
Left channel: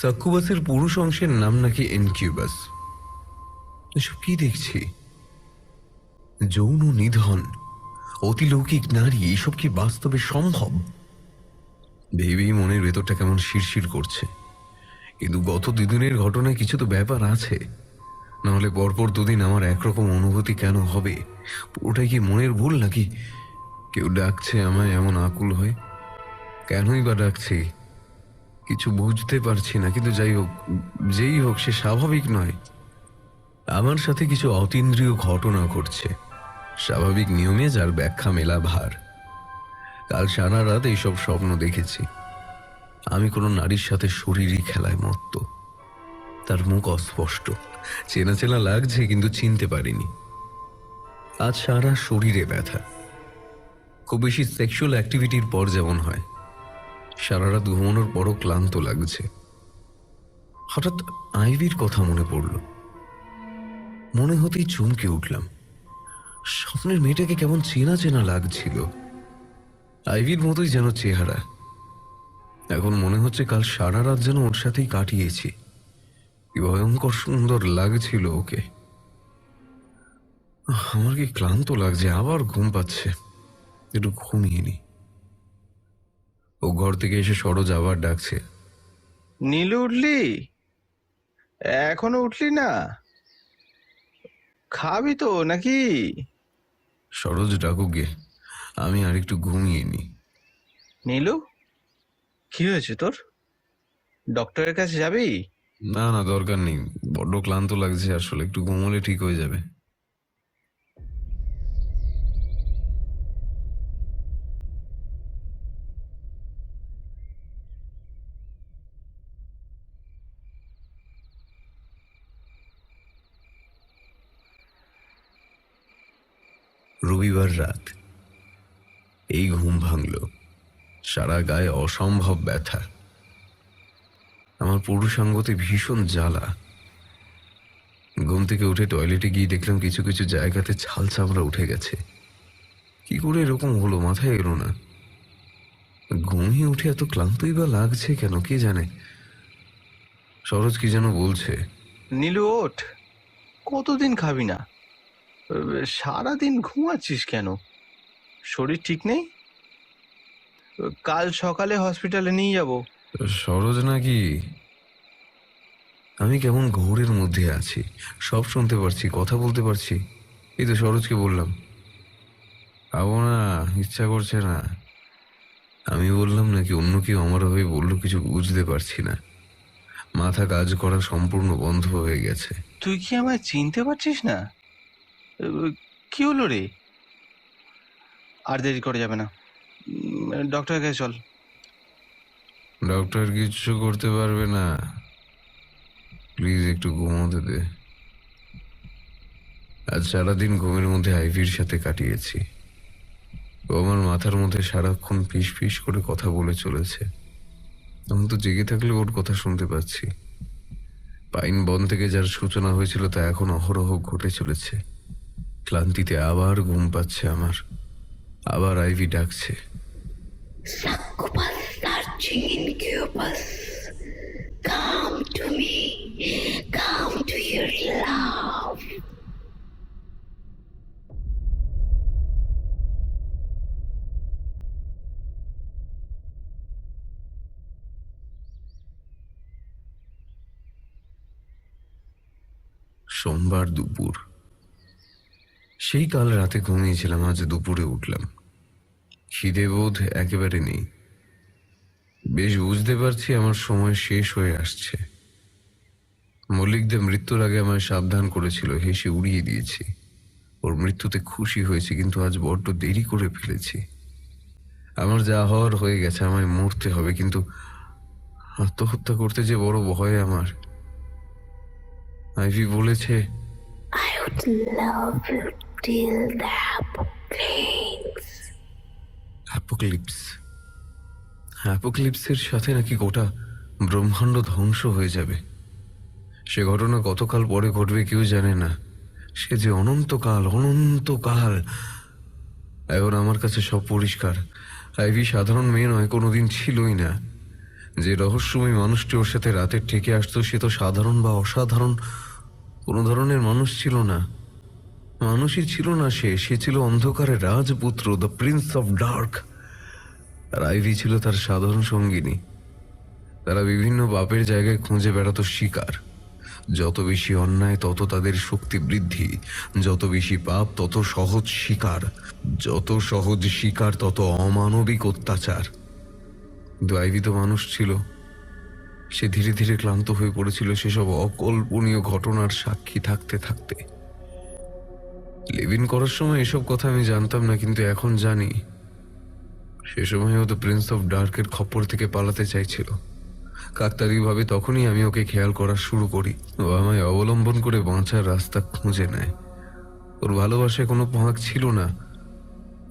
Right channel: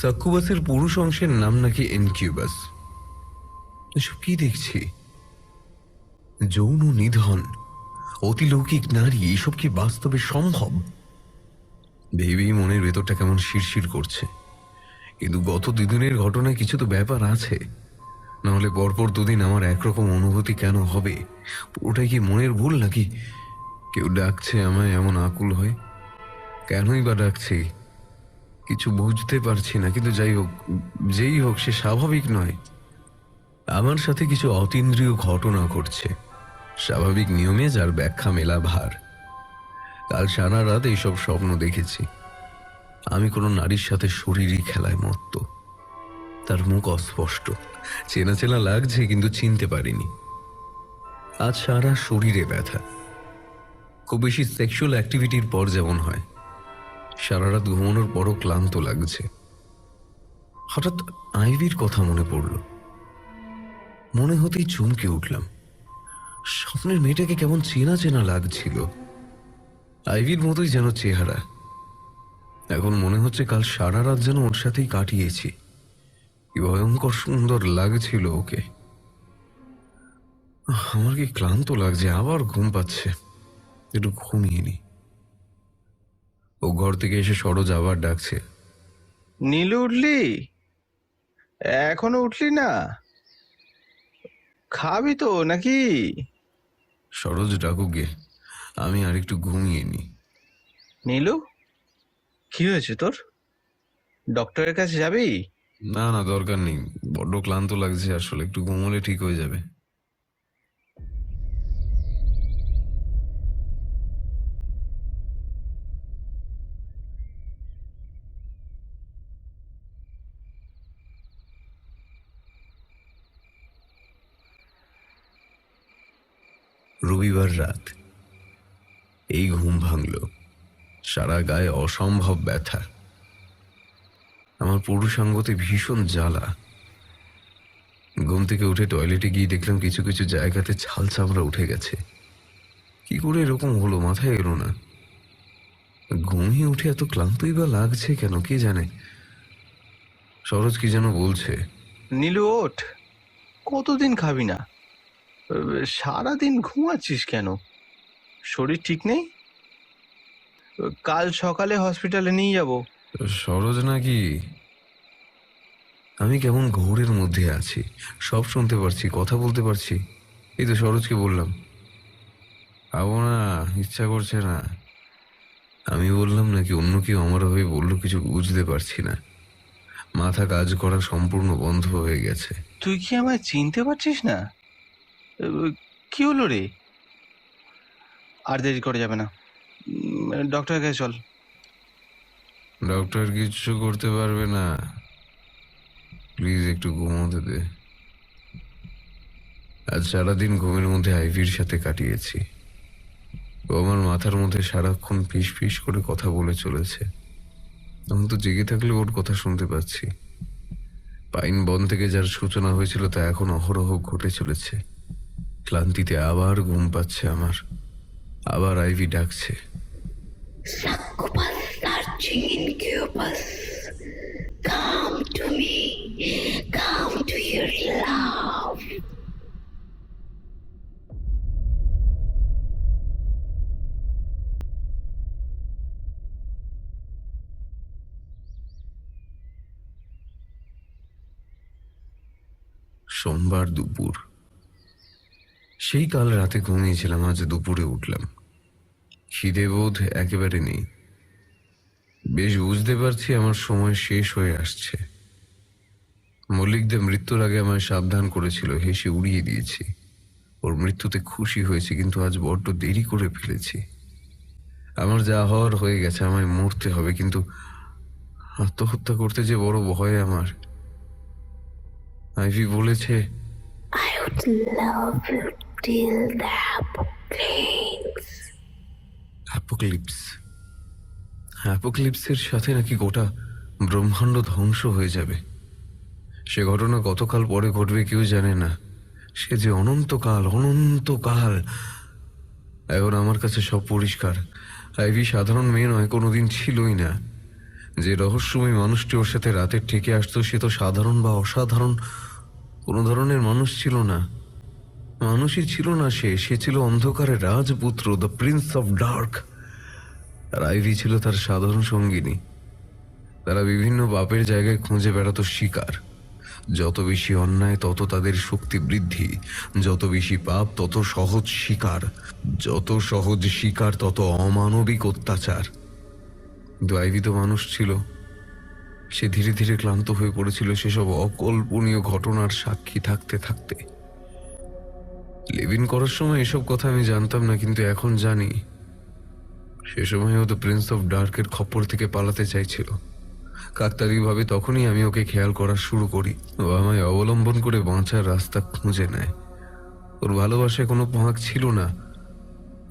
সাকুবাসের পুরুষ অংশের নাম নাকি ইনকিউবাস। এসব কি দেখছি? যৌন নিধন, অতিলৌকিক নারী, এসব কি বাস্তবে সম্ভব? ভেবেই মনের ভেতরটা কেমন শিরশির করছে। কিন্তু গত দুদিনের ঘটনায় কিছু তো ব্যাপার আছে, নাহলে পরপর দুদিন আমার একরকম অনুভূতি কেন হবে? ওটাই কি মনের ভুল নাকি কেউ ডাকছে আমায় এমন আকুল হয়ে? কেনই বা ডাকছি কিছু বুঝতে পারছি না। কিন্তু যাই হোক, যেই হোক, সে স্বাভাবিক নয়। আমার সাথে কিছু অতীন্দ্রিয় ঘটনা ঘটছে, স্বাভাবিক নিয়মে যার ব্যাখ্যা মেলা ভার। কাল সারা রাত এইসব স্বপ্ন দেখেছি। আমি কোনো নারীর সাথে শরীরই খেলায় মত্ত। তার মুখ অস্পষ্ট, চেনা চেনা লাগছে কিন্তু চিনতে পারিনি। আজ সারা শরীরে ব্যথা, খুব বেশি সেক্সুয়াল অ্যাক্টিভিটির পর যেমন হয়। সারা রাত ঘুমানোর পরও ক্লান্ত লাগছে। হঠাৎ আইভির কথা মনে পড়ল। মনে হতেই চমকে উঠলাম। স্বপ্নের মেয়েটাকে কেমন চেনা চেনা লাগছিল, আইভির মতোই যেন চেহারা। এখন মনে হচ্ছে কাল সারা রাত যেন ওর সাথেই কাটিয়েছি। কি ভয়ঙ্কর সুন্দর লাগছিল ওকে। আমার কি ক্লান্ত লাগছে, আবার ঘুম পাচ্ছে, একটু ঘুমিয়ে নি। ও ঘর থেকে এসে সরোজ আবার ডাকছে, নীলু, উঠলি? এখনো উঠলি না? খাবি তো নাকি? সরোজ ডাকুকে, আমি আর একটু ঘুমিয়ে নি। নীলু, কি হয়েছে তোর? ডক্টরের কাছে যাবি? না না, দরকার নেই, বড্ড ক্লান্ত লাগছে আসলে, একটু ঘুমোলে ঠিক হয়ে যাবে। রবিবার রাত, এই ঘুম ভাঙল, সারা গায়ে অসম্ভব ব্যথা। আমার পরসাঙ্গতে ভীষণ জ্বালা। ঘুম থেকে উঠে টয়লেটে গিয়ে দেখলাম কিছু কিছু জায়গাতে ছাল চামড়া উঠে গেছে। কি করে এরকম হলো মাথায় এলো না। ঘুমিয়ে উঠে এত ক্লান্তই বা লাগছে কেন কে জানে। সরোজ কি যেন বলছে। নীলু ওঠ, কতদিন খাবি না? সারাদিন ঘুমাচ্ছিস কেন? শরীর ঠিক নেই? কাল সকালে হসপিটালে নিয়ে যাব। সরোজ নাকি? আমি কেমন ঘোরের মধ্যে আছি, সব শুনতে পারছি, কথা বলতে পারছি। এই তো সরোজকে বললাম খাবো না, ইচ্ছা করছে না। আমি বললাম নাকি অন্য কেউ আমার হয়ে বললো কিছু বুঝতে পারছি না। মাথা কাজ করা সম্পূর্ণ বন্ধ হয়ে গেছে। তুই কি আমায় চিনতে পারছিস না? কি হলো রে? আর দেরি করে যাবে না, ডক্টরের কাছে চল। ডক্টর কিচ্ছু করতে পারবে না, প্লিজ একটু ঘুমোতে দে। আজ সারাদিন ঘুমের মধ্যে আইভির সাথে কাটিয়েছি। ও আমার মাথার মধ্যে সারাক্ষণ ফিস ফিস করে কথা বলে চলেছে। আমি তো জেগে থাকলে ওর কথা শুনতে পাচ্ছি। পাইন বন থেকে যার সূচনা হয়েছিল তা এখন অহরহ ঘটে চলেছে। ক্লান্তিতে আবার ঘুম পাচ্ছে আমার, আবার আইভি ডাকছি। সোমবার দুপুর, সেই কাল রাতে ঘুমিয়েছিলাম, আজ দুপুরে উঠলাম। খিদে বোধ একেবারে নেই। বেশ বুঝতে পারছি আমার সময় শেষ হয়ে আসছে। মল্লিকদের মৃত্যুর আগে আমায় সাবধান করেছিল, হেসে উড়িয়ে দিয়েছি। ওর মৃত্যুতে খুশি হয়েছে, কিন্তু আজ বড্ড দেরি করে ফেলেছি। আমার যা হওয়ার হয়ে গেছে, আমায় মরতে হবে, কিন্তু আত্মহত্যা করতে যে বড় ভয় আমার। আইভি বলেছে I would love you till the apocalypse. অ্যাপোক্যালিপসের সাথে নাকি গোটা ব্রহ্মাণ্ড ধ্বংস হয়ে যাবে। সে ঘটনা কতকাল পরে ঘটবে কেউ জানে না। সে যে অনন্তকাল অনন্তকাল। এখন আমার কাছে সব পরিষ্কার। আইভি সাধারণ মেয়ে নয়, কোনোদিন ছিলই না। যে রহস্যময় মানুষটি ওর সাথে রাতে ঠেকে আসতো, সে তো সাধারণ বা অসাধারণ কোনো ধরনের মানুষ ছিল না। মানুষই ছিল না সে ছিল অন্ধকারের রাজপুত্র, দ্য প্রিন্স অফ ডার্ক। আর আইভি ছিল তার সাধারণ সঙ্গিনী। তারা বিভিন্ন পাপের জায়গায় খুঁজে বেড়াতো শিকার। যত বেশি অন্যায় তত তাদের শক্তি বৃদ্ধি, যত বেশি পাপ তত সহজ শিকার, যত সহজ শিকার তত অমানবিক অত্যাচার। কিন্তু আইভি তো মানুষ ছিল। সে ধীরে ধীরে ক্লান্ত হয়ে পড়েছিল সেসব অকল্পনীয় ঘটনার সাক্ষী থাকতে থাকতে। লিভিন করার সময় এসব কথা আমি জানতাম না, কিন্তু এখন জানি। সে সময় ও দ্য প্রিন্স অফ ডার্কের খপ্পর থেকে পালাতে চাইছিল। কাকতালীয়ভাবে তখনই আমি ওকে খেয়াল করা শুরু করি। ও আমায় অবলম্বন করে বাঁচার রাস্তা খুঁজে নেয়। ওর ভালোবাসায় কোনো ভাগ ছিল না।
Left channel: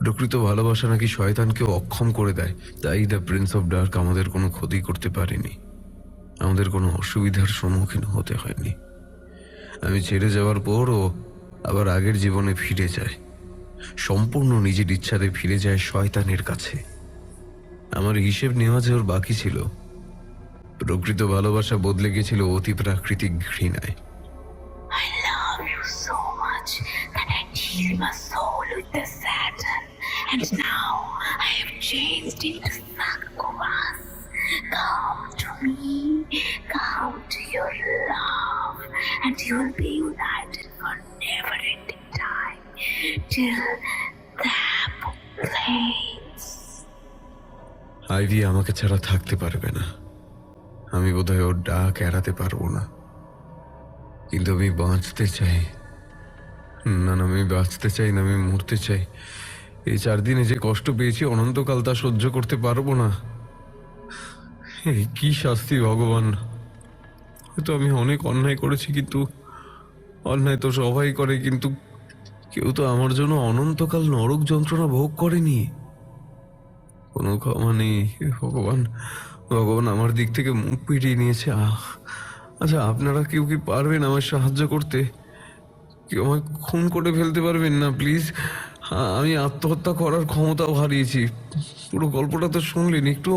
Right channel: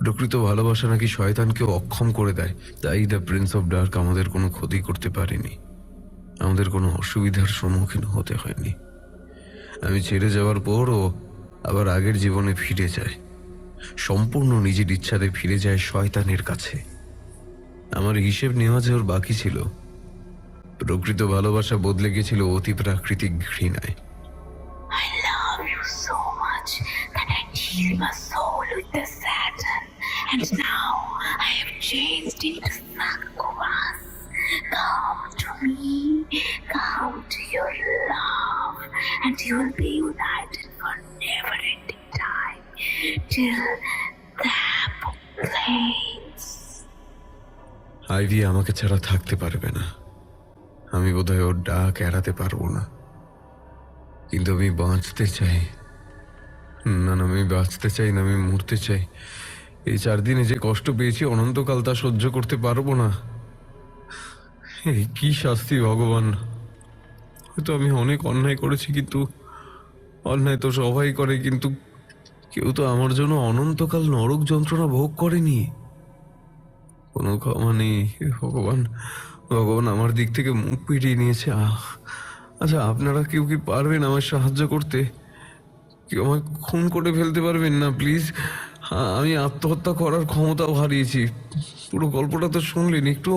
প্রকৃত ভালোবাসা নাকি শয়তানকে অক্ষম করে দেয়। তাই দ্য প্রিন্স অফ ডার্ক আমাদের কোনো ক্ষতি করতে পারেনি, আমাদের কোনো অসুবিধার সম্মুখীন হতে হয়নি। আমি ছেড়ে যাওয়ার পরও আবার আগের জীবনে ফিরে যায়, সম্পূর্ণ নিজের ইচ্ছাতে ফিরে যায় শয়তানের কাছে। আমার হিসেব নেওয়া যে ওর বাকি ছিল। প্রকৃত ভালোবাসা বদলে গেছিল অতি প্রাকৃতিক ঘৃণায়। I love you so much that I chill my soul with the sand. And now I have changed into succubus. Come to me, come to your love, and you will be united for never-ending time till Ivy আমাকে ছাড়া থাকতে পারবে না। আমি বোধহয় ওর ডাক এড়াতে পারবো না, কিন্তু আমি বাঁচতে চাই। মানে আমি বাঁচতে চাই না, আমি মরতে চাই। এই 4 দিনে যে কষ্ট পেয়েছি অনন্তকাল তা সহ্য করতে পারবো না। কি শাস্তি ভগবান! হয়তো আমি অনেক অন্যায় করেছি, কিন্তু অন্যায় তো সবাই করে, কিন্তু কেউ তো আমার জন্য অনন্তকাল নরক যন্ত্রণা ভোগ করেনি। কোনো ক্ষমা নেই। হে ভগবান, ভগবান আমার দিক থেকে মুখ ফিরিয়ে নিয়েছে। আচ্ছা, আপনারা কেউ কি পারবেন আমার সাহায্য করতে? কেউ আমায় খুন করে ফেলতে পারবেন না প্লিজ? আমি আত্মহত্যা করার ক্ষমতাও হারিয়েছি। পুরো গল্পটা তো শুনলেন, একটু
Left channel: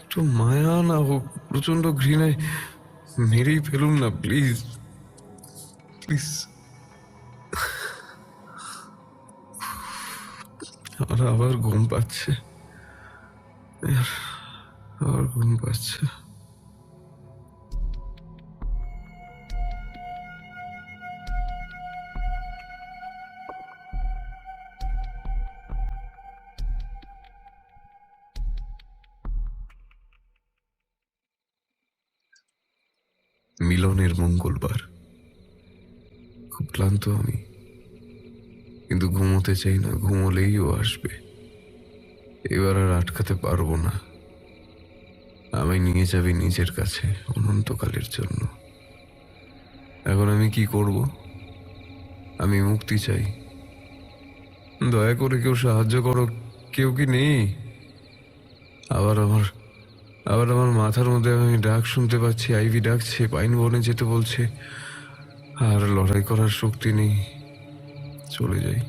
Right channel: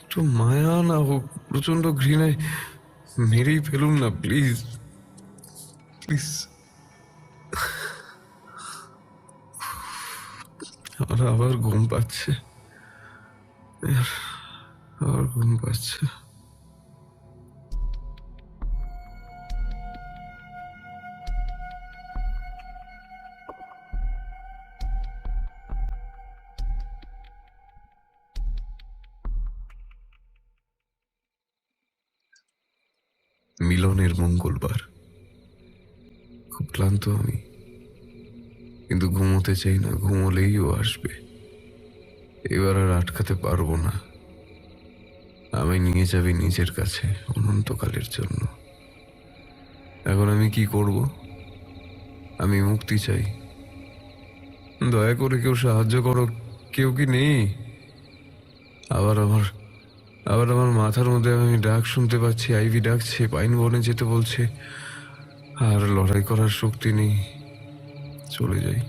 একটু মায়া না হোক, প্রচন্ড ঘৃণায় মেরেই ফেলুন না প্লিজ, প্লিজ। আর আবার ঘুম পাচ্ছে, আবার ঘুম পাচ্ছে। মিলনের মঙ্গলবার। খুব ক্লান্ত আমি, কিন্তু ঘুমোতে চাই না। ঘুমোলেই ও আসবে। এবার আর আটকাতে পারবো না। আমি নিয়ে যাবে নিজের কাছে অনন্তকালের জন্য। এখন আমি কি করব? আমি মুক্তি চাই। দয়া করে কেউ সাহায্য করো। কেউ কি নেই? আবার আমার মাথার মধ্যে আমি ডাক শুনতে পাচ্ছি। আইভি ডাকছে, পাইন বনে যেতে বলছে। আর লড়াই করার শক্তি নেই। চলে যাই।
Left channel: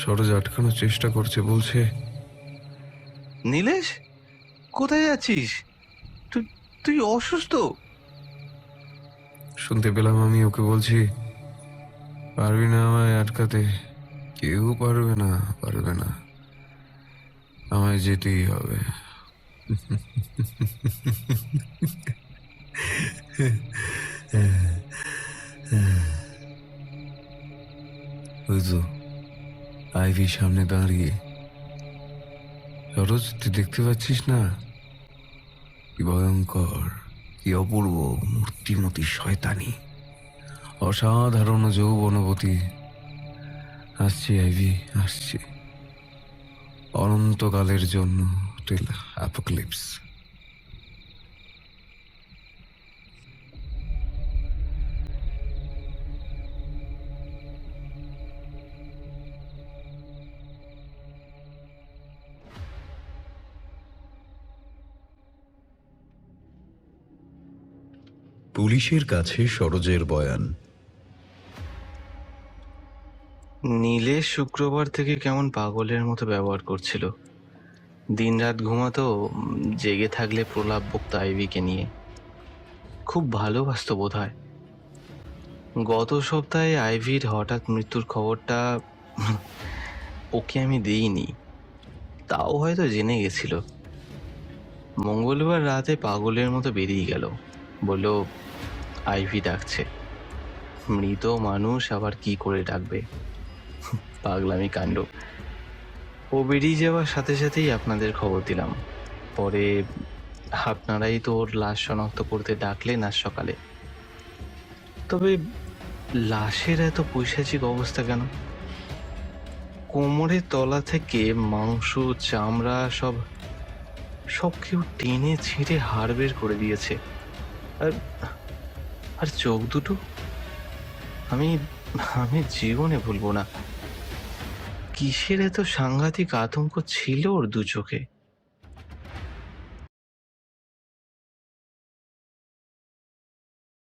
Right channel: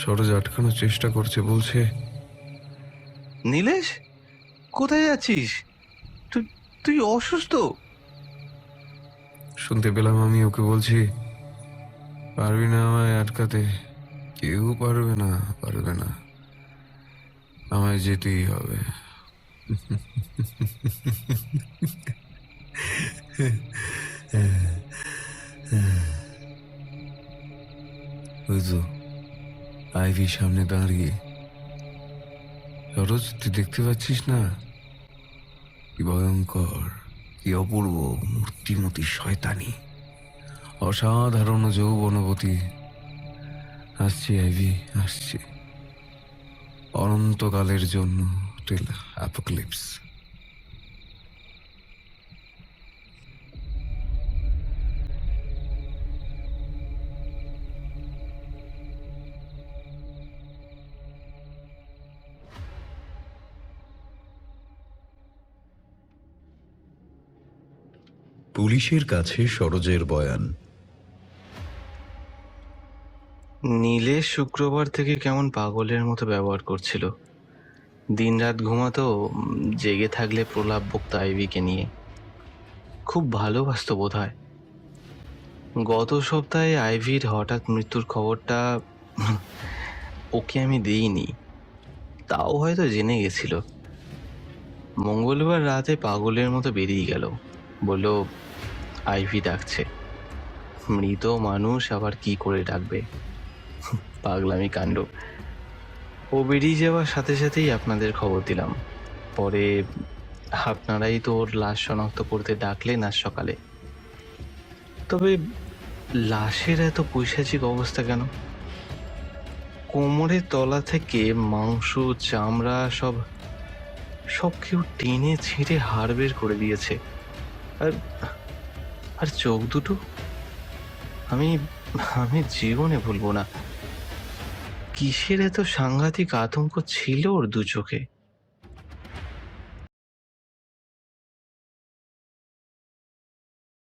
সরোজ আটকানোর চেষ্টা করছে, বলছে নীলেশ, কোথায় যাচ্ছিস? তুই তুই অসুস্থ? শুনতে পেলাম আমি ওকে বলছি, পারবি না আমায় আটকাতে। কেউ পারবে না, পারবে না। আমায় যেতেই হবে। বুঝছো, আইভি সামনে দাঁড়িয়ে। সরোজ, তুই দেখতে পাচ্ছিস না? কি ভয়ঙ্কর, কি অপূর্ব মূর্তিমতী শয়তানি, অসাধারণ যৌবনবতী। আসছি আইভি, আসছি অনন্তকালের জন্য। অ্যাপোক্যালিপস। পুলিশের কাছে সরোজের বয়ান। নীলেশ শুক্রবার থেকে কেমন পাগলের মতো ব্যবহার করছিল। দিনরাত ঘুমাতো, জেগে থাকলে প্রলাপ বকতো আইভিকে নিয়ে। খুব ভালোবাসতো বোধহয়। গত সপ্তাহে আইভির হঠাৎ মৃত্যুর খবরটা ওকে আমি দেইনি, তাও হয়তো জেনে গেছিল। মঙ্গলবার রাতে পাগলের মতো বেরিয়ে গেল, বলল আইভি ডাকছে। মৃত মানুষ আবার কি করে ডাকবে? পাগলামি কাণ্ড। ও বেরিয়ে যাওয়ার সাথে সাথেই আপনাদের খবর দিলাম। পরে আপনারাই তো ওর লাশ শনাক্ত করতে ডাকলেন আজ সকালে। তবে লাশের এত পৈশাচিক অবস্থা কেন? কোমরের তলা থেকে মাংস, চামড়া সব সব কেউ টেনে ছিঁড়ে হাড় বের করে দিয়েছে। আর আর চোখ দুটো আমি আমি জীবনে ভুলবো না। কিসের এত সাংঘাতিক আতঙ্ক ছিল ওর দু চোখে?